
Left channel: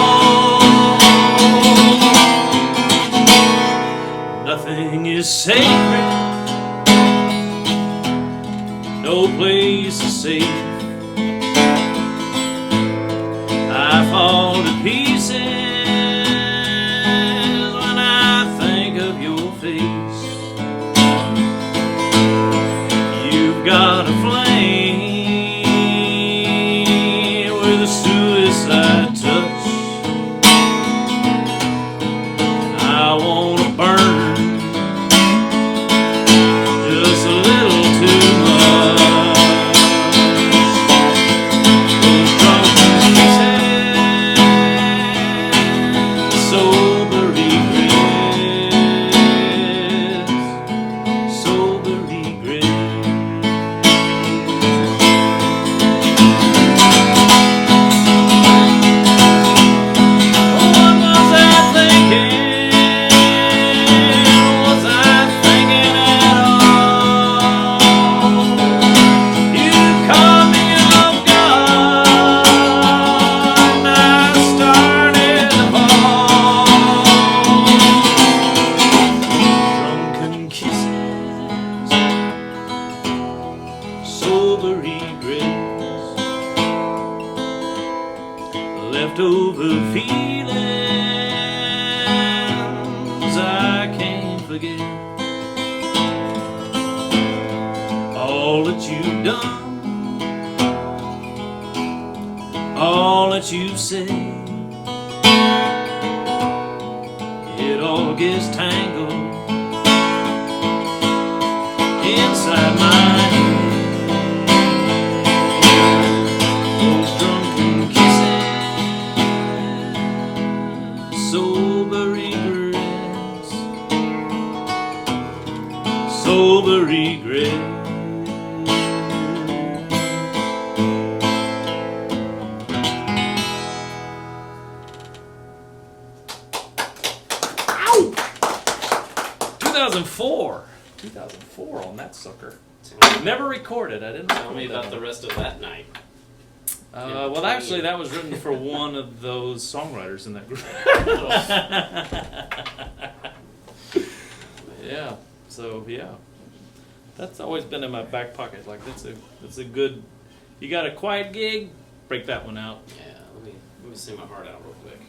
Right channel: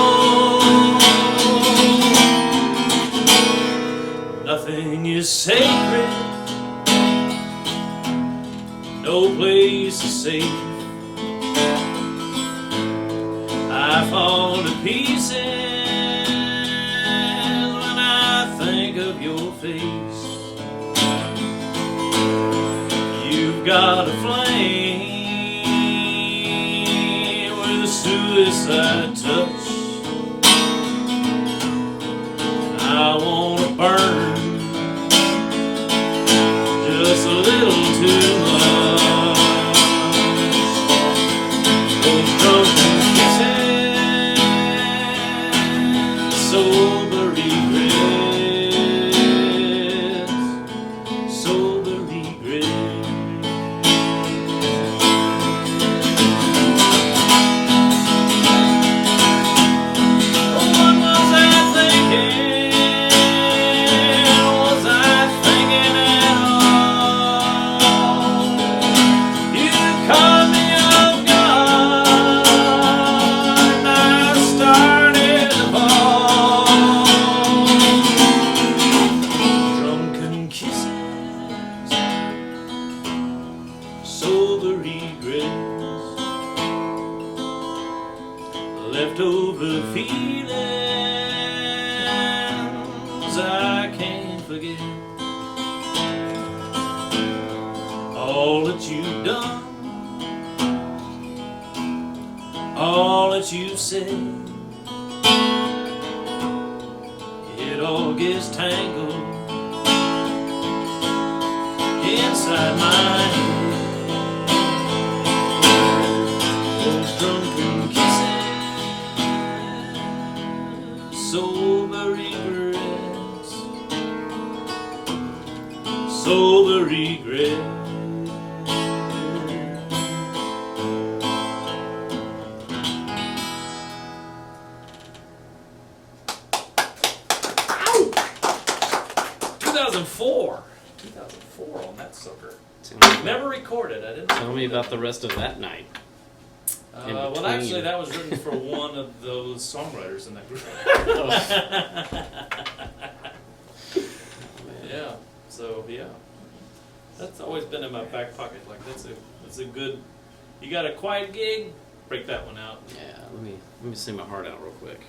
Nothing is sacred. No place is safe. I fall to pieces when I think of your face. You've got a flame with a suicide touch, and I wanna burn just a little too much. leftover feelings I can't forget. All that you've done, all that you've said, it all gets tangled inside my head. Those drunken kisses, sober regrets, sober regrets. 2004 on that sucker. Never recorded. I didn't. Tell me about the rest of that night. Well, actually, that was written for one of those songwriters in that group. Yeah. So yeah, that's always been in my back pocket. Like that's a good. You got a quiet gig, break that one out. Yeah, let me sing my heart out real quick.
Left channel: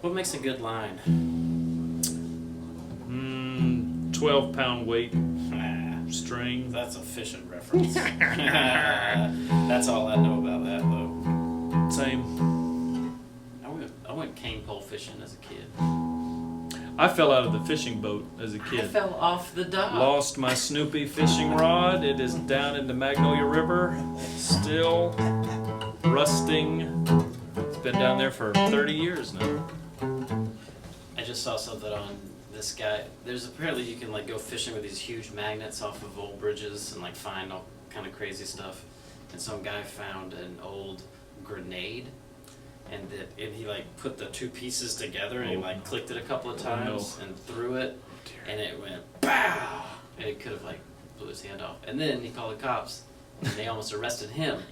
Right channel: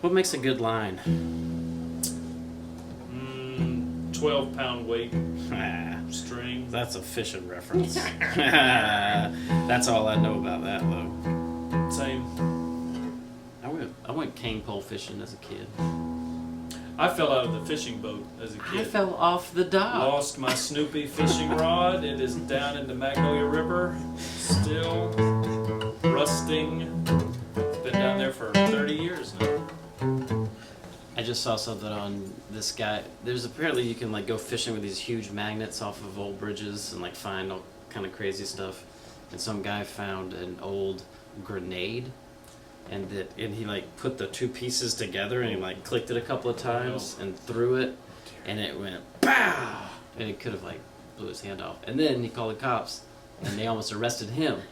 What makes a good line? 12-pound weight string. That's a fishing reference. That's all I know about that, though. Same. I went cane pole fishing as a kid. I fell out of the fishing boat as a kid. I fell off the dock. Lost my Snoopy fishing rod. It is down in the Magnolia River, still rusting. It's been down there for 30 years now. I just saw something on this guy. There's apparently you can like go fishing with these huge magnets off of old bridges and like find all kind of crazy stuff. And some guy found an old grenade, and he like put the two pieces together and he like clicked it a couple of times and threw it, and it went pow, and it could have like blew his hand off. And then he called the cops, and they almost arrested him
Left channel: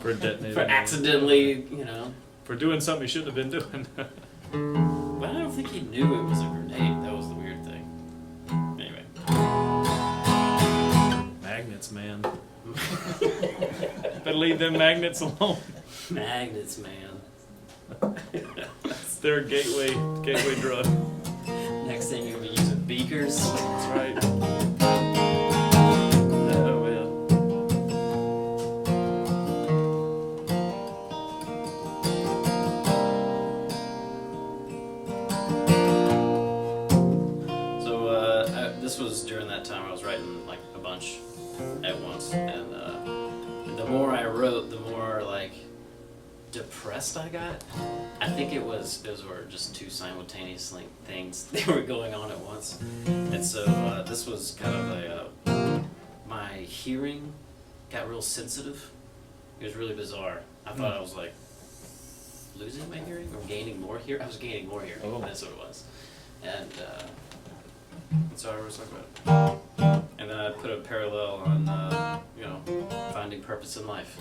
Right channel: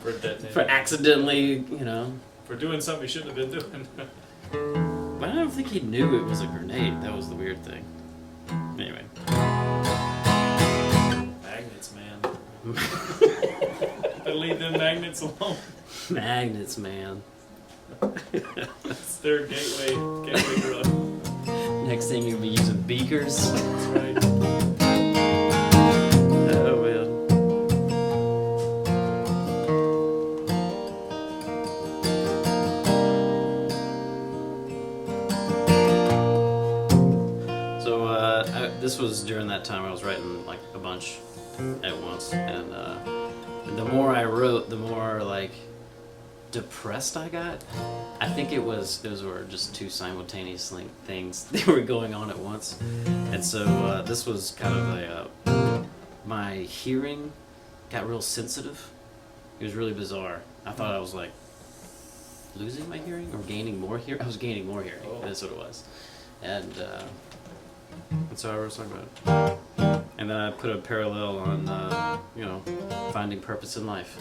For detonating. for accidentally, For doing something he shouldn't have been doing. But I don't think he knew it was a grenade. That was the weird thing. Anyway. Magnets, man. Better leave them magnets alone. Magnets, man. It's their gateway drug. Next thing you'll be using beakers. That's right. Oh, well. This was during that time I was writing like a bunch at once, and the more I wrote, the more like depressed I got. I think those were just two simultaneous things that were going on at once, and so this was kind of my hearing got real sensitive. It was really bizarre. I thought I was like losing my hearing or gaining more hearing. I was gaining more hearing. Oh. That's what it was, and so I was talking about it. And then I put a parallel on, finding purpose in life.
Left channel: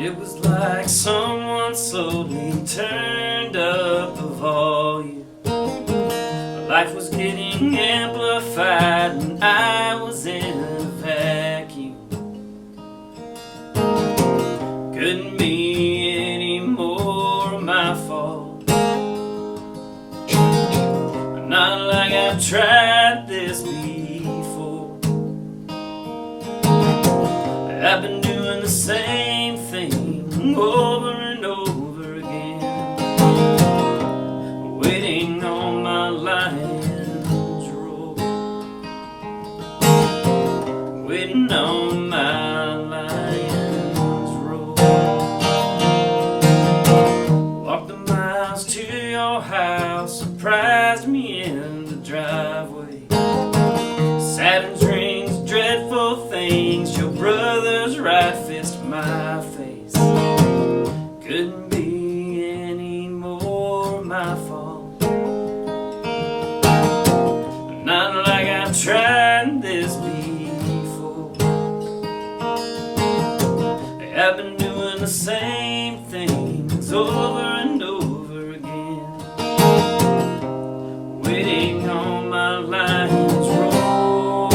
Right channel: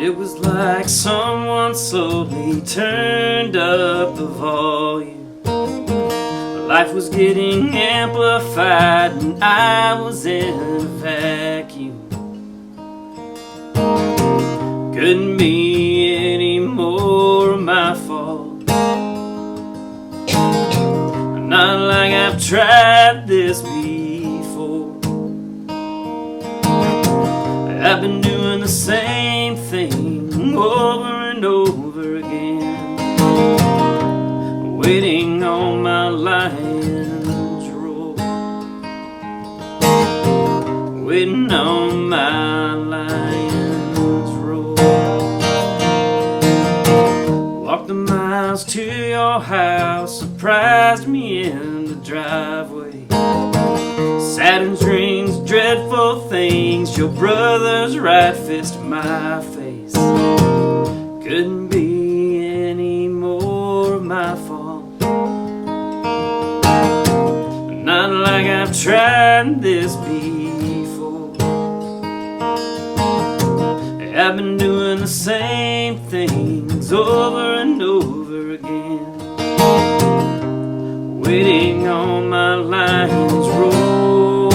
It was like someone slowly turned up the volume. Life was getting amplified and I was in a vacuum. Couldn't be any more my fault. Not like I've tried this before. I've been doing the same thing over and over again, waiting on my lion's roar, waiting on my lion's roar. Walked the miles to your house, surprised me in the driveway. Saturn's rings, dreadful things, your brother's right fist my face. Couldn't be any more my fault. Not like I've tried this before. I've been doing the same things over and over again, waiting on my lion's roar.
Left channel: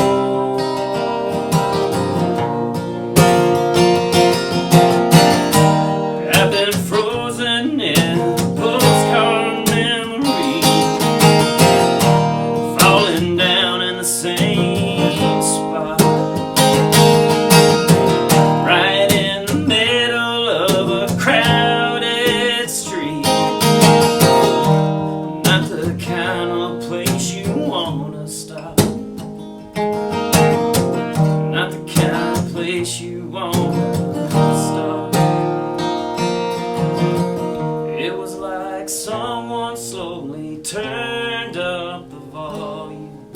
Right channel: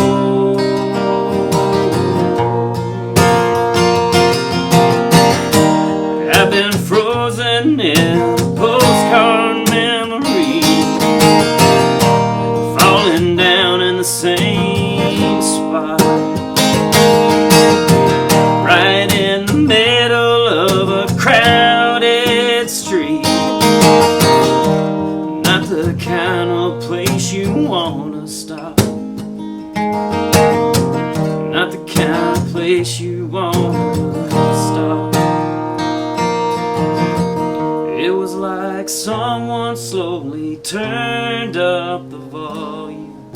I've been frozen in postcard memory, falling down in the same spot, right in the middle of a crowded street. Not the kind of place you wanna stop, not the kind of place you wanna stop. It was like someone slowly turned up the volume.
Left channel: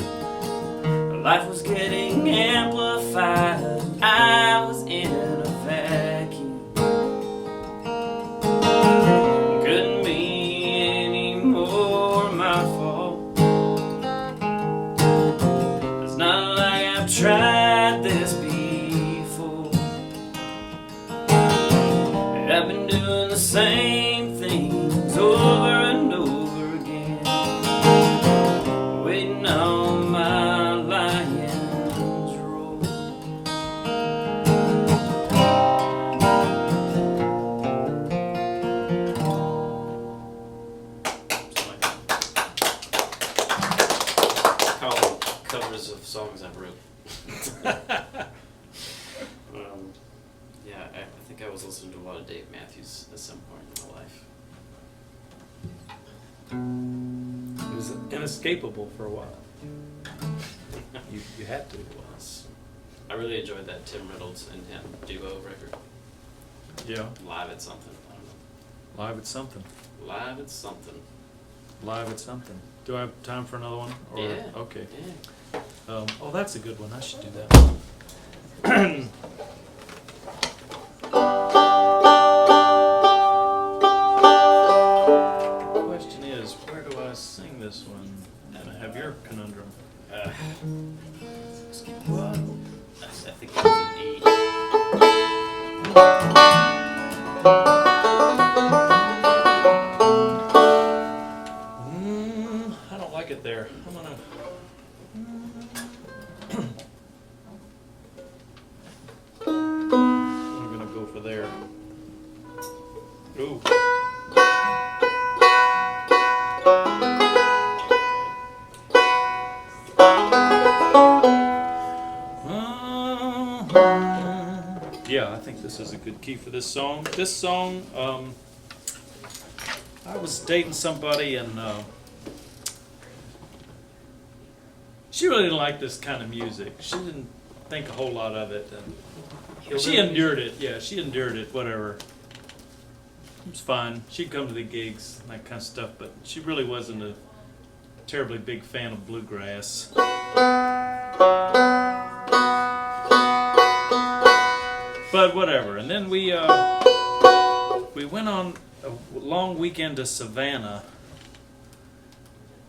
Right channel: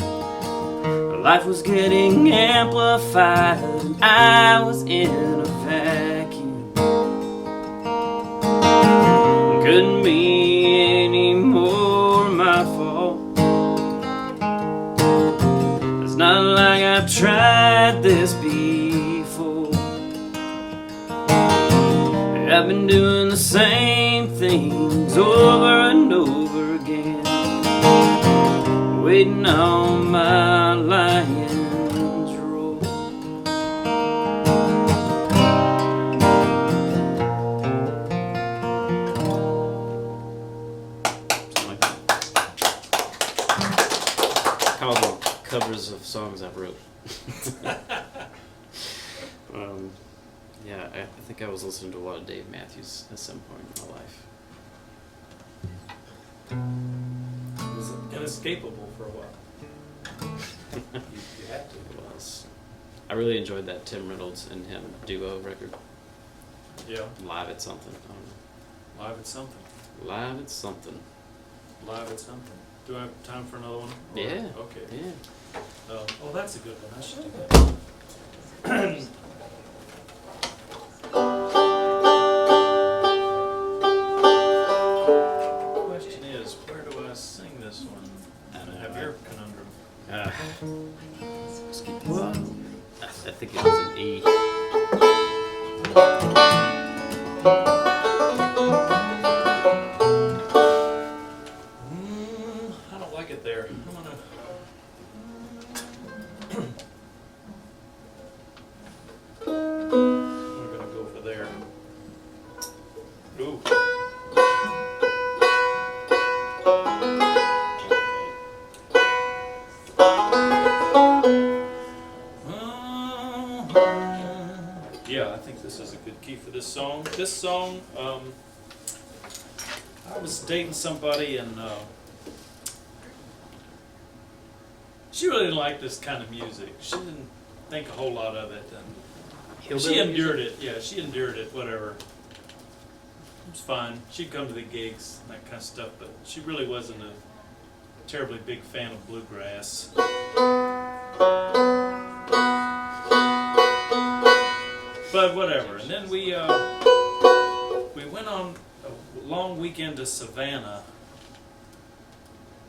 Life was getting amplified, and I was in a vacuum. Couldn't be any more my fault. It's not like I've tried this before. I've been doing the same things over and over again, waiting on my lion's roar. Something like that. Call them covers of songs I've wrote. Yeah, I think I was listening to a lot of Dave Matthews at some point in my life. It was inescapable for a while. You had to. It was. I really enjoyed that Tim Reynolds and him duo record. Yeah. Live at something. I don't know. Live at something. Live at something. Live at something. Do I have time for another one? Or- Yeah. Okay. Yeah. Oh, that's a good one. I should do that. Question is, where do I sing this one? And I have your conundrum. Let's keep this up. I think it was an E. I don't like it there. I'm gonna. I'm gonna go for there. Ooh. Yeah, I think this is a good key for this song. This song, I was dating somebody and she really didn't like this kind of music. She didn't think a whole lot of it, and she endured it. Yeah, she endured it. Whatever. It was fine. She'd come to the gigs and that kind of stuff, but she really wasn't a terribly big fan of bluegrass. But whatever. And then we went on a long weekend to Savannah,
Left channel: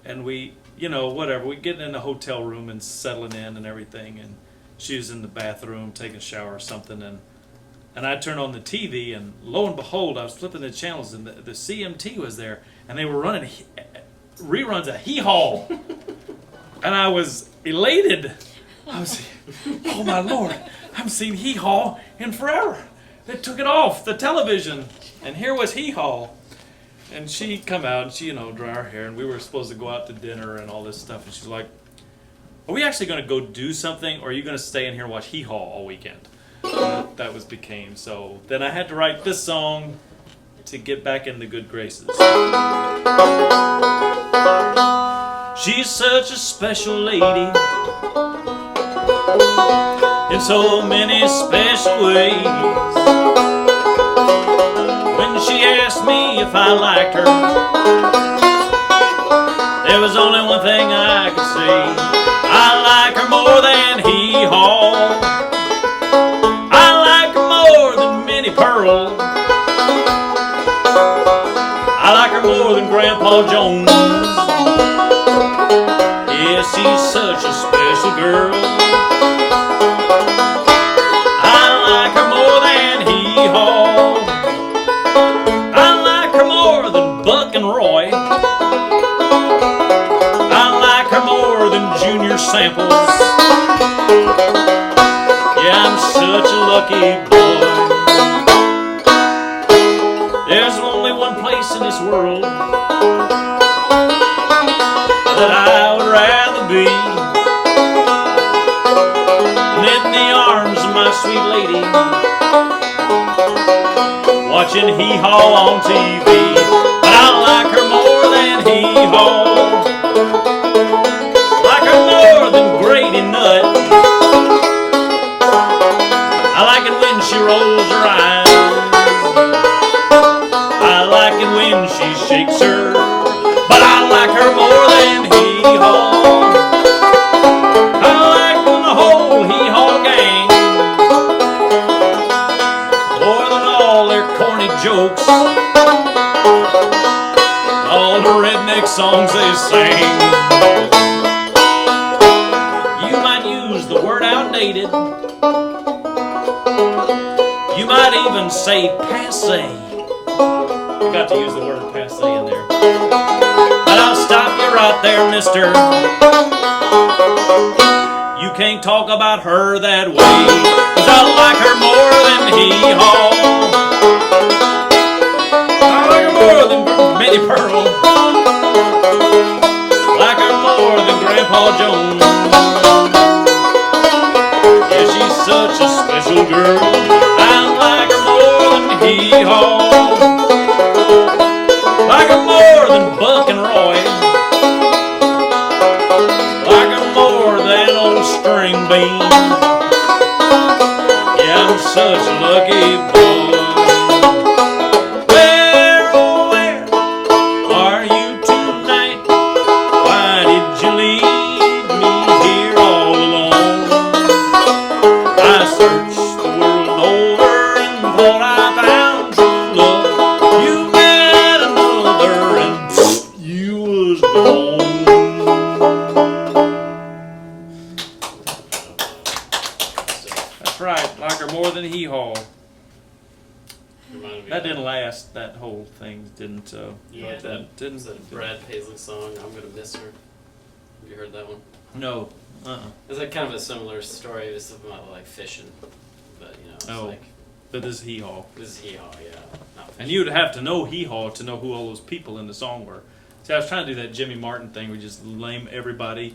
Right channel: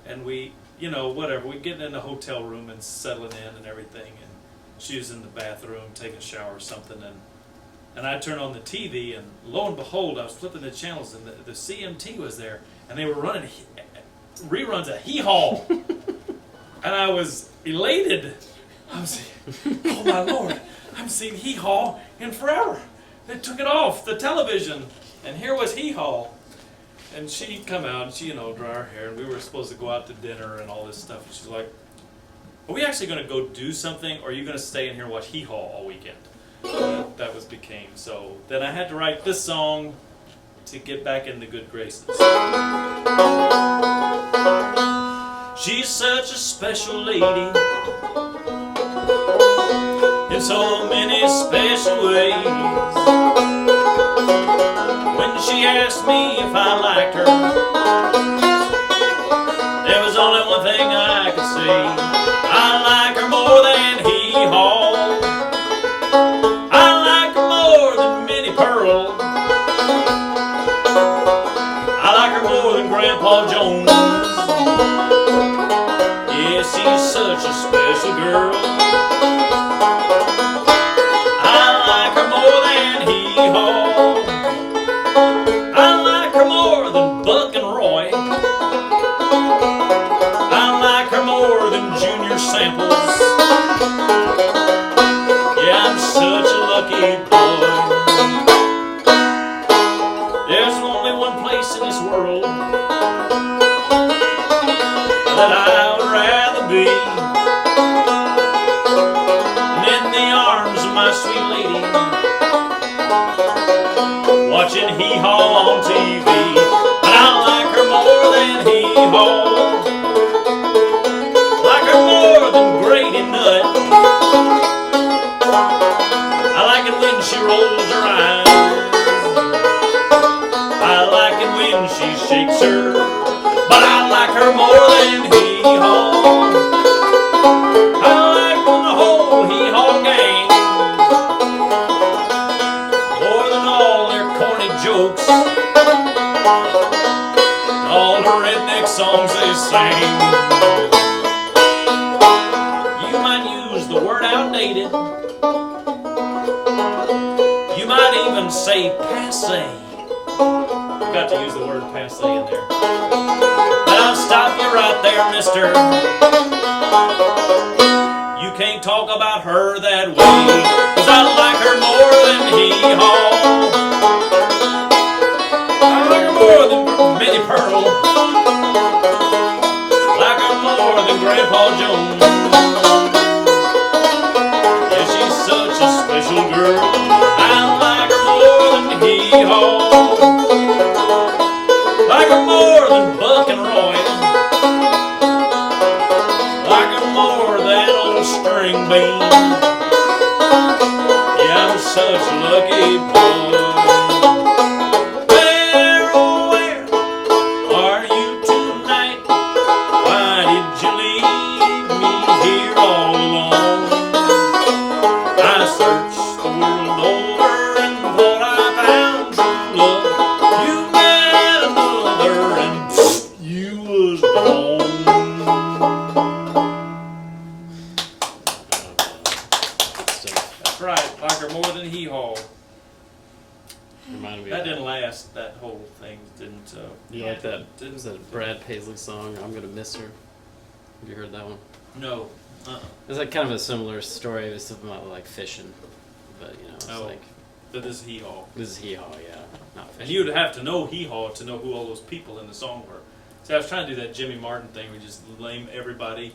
and we, whatever. We get in a hotel room and settling in and everything, and she was in the bathroom taking a shower or something, and I turned on the TV, and lo and behold, I was flipping the channels, and the CMT was there, and they were running reruns of Hee Haw, and I was elated. I was, oh my Lord, I haven't seen Hee Haw in forever. They took it off the television, and here was Hee Haw. And she'd come out, and she, dry her hair, and we were supposed to go out to dinner and all this stuff, and she's like, are we actually going to go do something, or are you going to stay in here and watch Hee Haw all weekend? And that became, so then I had to write this song to get back in the good graces. She's such a special lady in so many special ways. When she asked me if I liked her, there was only one thing I could say: I like her more than Hee Haw. I like her more than Minnie Pearl. I like her more than Grandpa Jones. Yeah, she's such a special girl. I like her more than Hee Haw. I like her more than Buck and Roy. lucky boy. There's only one place in this world that I would rather be, and in the arms of my sweet lady, watching hee-haw on TV. But I like her more than hee-haw, like her more than Grady Nutt. I like it when she rolls her eyes, I like it when she shakes her, but I like her more than hee-haw. I like when the whole hee-haw gang, more than all their corny jokes, all the redneck songs they sing. You might use the word outdated, you might even say passe. I got to use the word passe in there. But I'll stop you right there, mister. You can't talk about her that way, 'cause I like her more than hee-haw. I like her more than Minnie Pearl, like her more than Grandpa Jones. Yeah, she's such a special girl. I like her more than hee-haw, like her more than Buck and Roy, like her more than old String Bean. Yeah, I'm such a lucky boy. Where, oh where are you tonight? Why did you leave me here all alone? I searched the world over and thought I found true love. You met another and you was gone. That's right, like her more than hee-haw. Reminded me That of didn't last. That whole thing didn't. You like that? Didn't Is that Brad Paisley song, I'm Gonna Miss Her? Have you heard that one? No. It's like kind of a similar story. It's about like fishing, but you know, it's Oh. like But this is hee-haw. this is hee-haw, yeah, not fishing. And you'd have to know hee-haw to know who all those people in the song were. See, I was trying to do that Jimmy Martin thing. We just lame everybody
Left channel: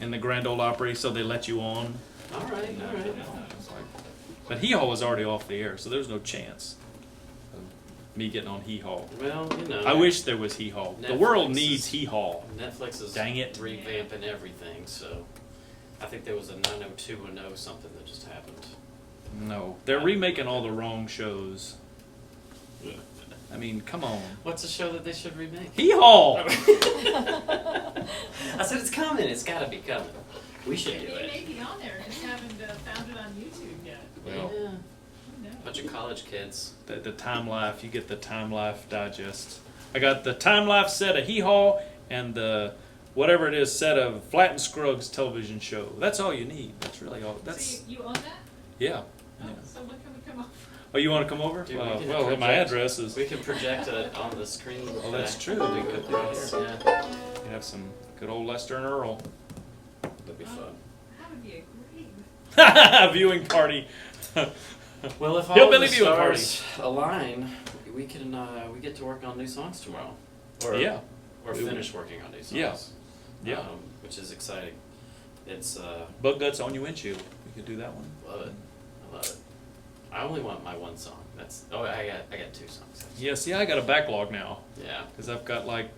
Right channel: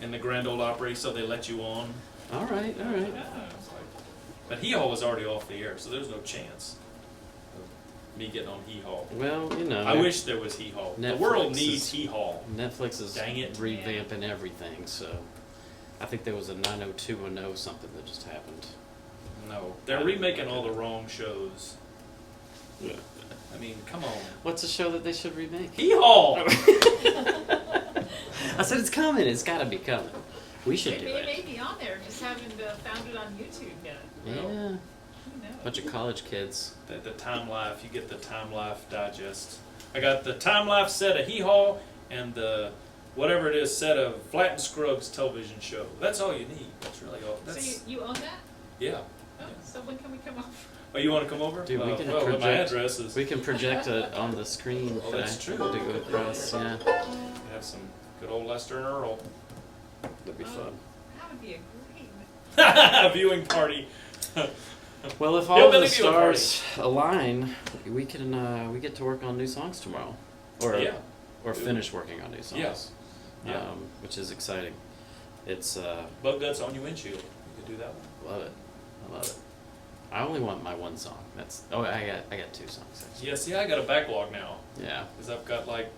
in the Grand Ole Opry so they let you on. All right. It's like- But hee-haw was already off the air, so there's no chance of me getting on hee-haw. Well, you know, I wish there was hee-haw. The Netflix world is- needs hee-haw. Netflix is Dang it. revamping everything. So I think there was a 90210 something that just happened. No, they're remaking all the wrong shows. I mean, come on. What's a show that they should remake? Hee-haw! I said it's coming. It's got to be coming. We should do Maybe it may it. be on there, just haven't found it on YouTube yet. Yeah, Well, Who knows? bunch of college kids. The Time Life, you get the Time Life digest. I got the Time Life set of hee-haw and the whatever it is set of Flat and Scruggs television show. That's all you need. That's really all. That's So you own that? yeah. Oh, so when can we come over? Oh, you want to come over? Dude, we can well, my project- address is. We can project it on the screen. Oh, that's true. Do We it could across. right Yeah, You have some good old Lester and Earl that'd be fun. That would be a great. viewing party. Well, if all Hillbilly the viewing party. stars align, we can we get to work on new songs tomorrow, or Yeah. or finish working on new songs. Yeah. Yeah. Which is exciting. It's Bug guts on your windshield. You could do that one. love it. I love it. I only want my one song. That's I got two songs. Actually. Yeah. See, I got a backlog now Yeah. because I've got like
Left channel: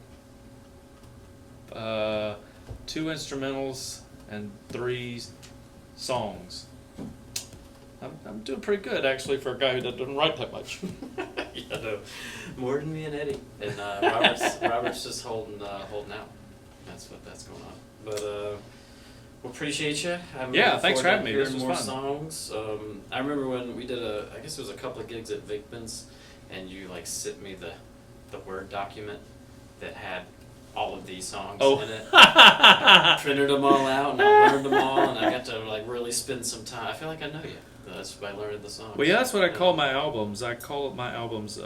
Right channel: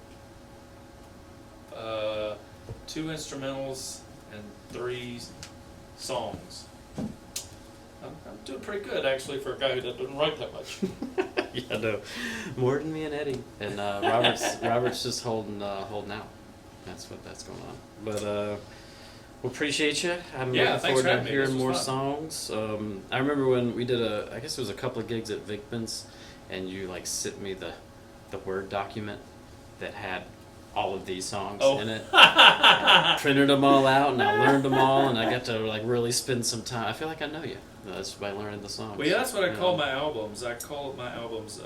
2 instrumentals and 3 songs. I'm doing pretty good actually for a guy who doesn't write that much. Yeah, no, more than me and Eddie, and Robert's just holding out. That's what's going on. But we appreciate you. I'm Yeah, looking thanks for forward having to me. This hearing was more fun. songs. I remember when we did I guess it was a couple of gigs at Vickman's, and you like sent me the Word document that had all of these songs Oh. in it. I printed them all out, and I learned them all, and I got to like really spend some time. I feel like I know you. That's by learning the songs. Well, yeah, that's what I call my albums. I call my albums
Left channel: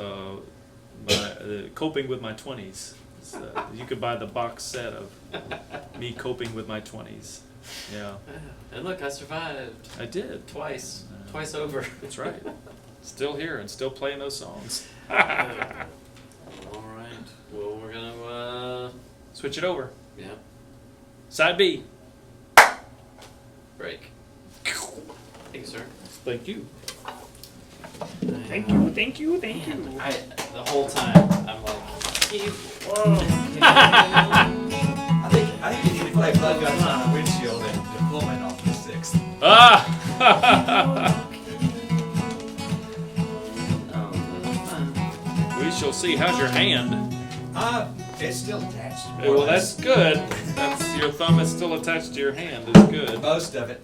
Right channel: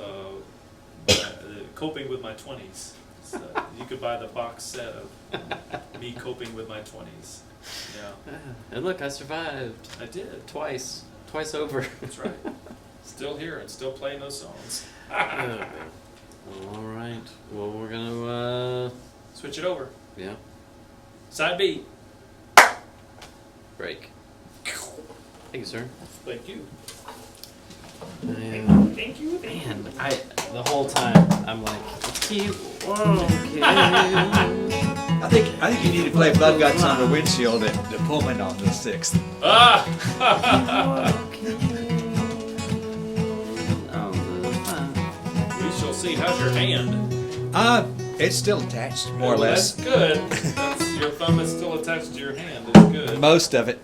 Coping with My 20s. You could buy the box set of me coping with my 20s. Yeah, And look, I survived I did. twice. Twice over. That's right. Still here and still playing those songs. All right. Well, we're gonna Switch it over. yeah, Side B. break. Thank you, sir. Thank you. Thank you. Thank you. Thank Man, the whole time I'm like, keep walking. I think you need to play Blood Guts on the windshield and Pullman off to the 6th. Ah! We shall see. How's your hand? It's still attached. More Well, or less. that's good. That's your thumb is still attached to your hand. It's good. Most of it.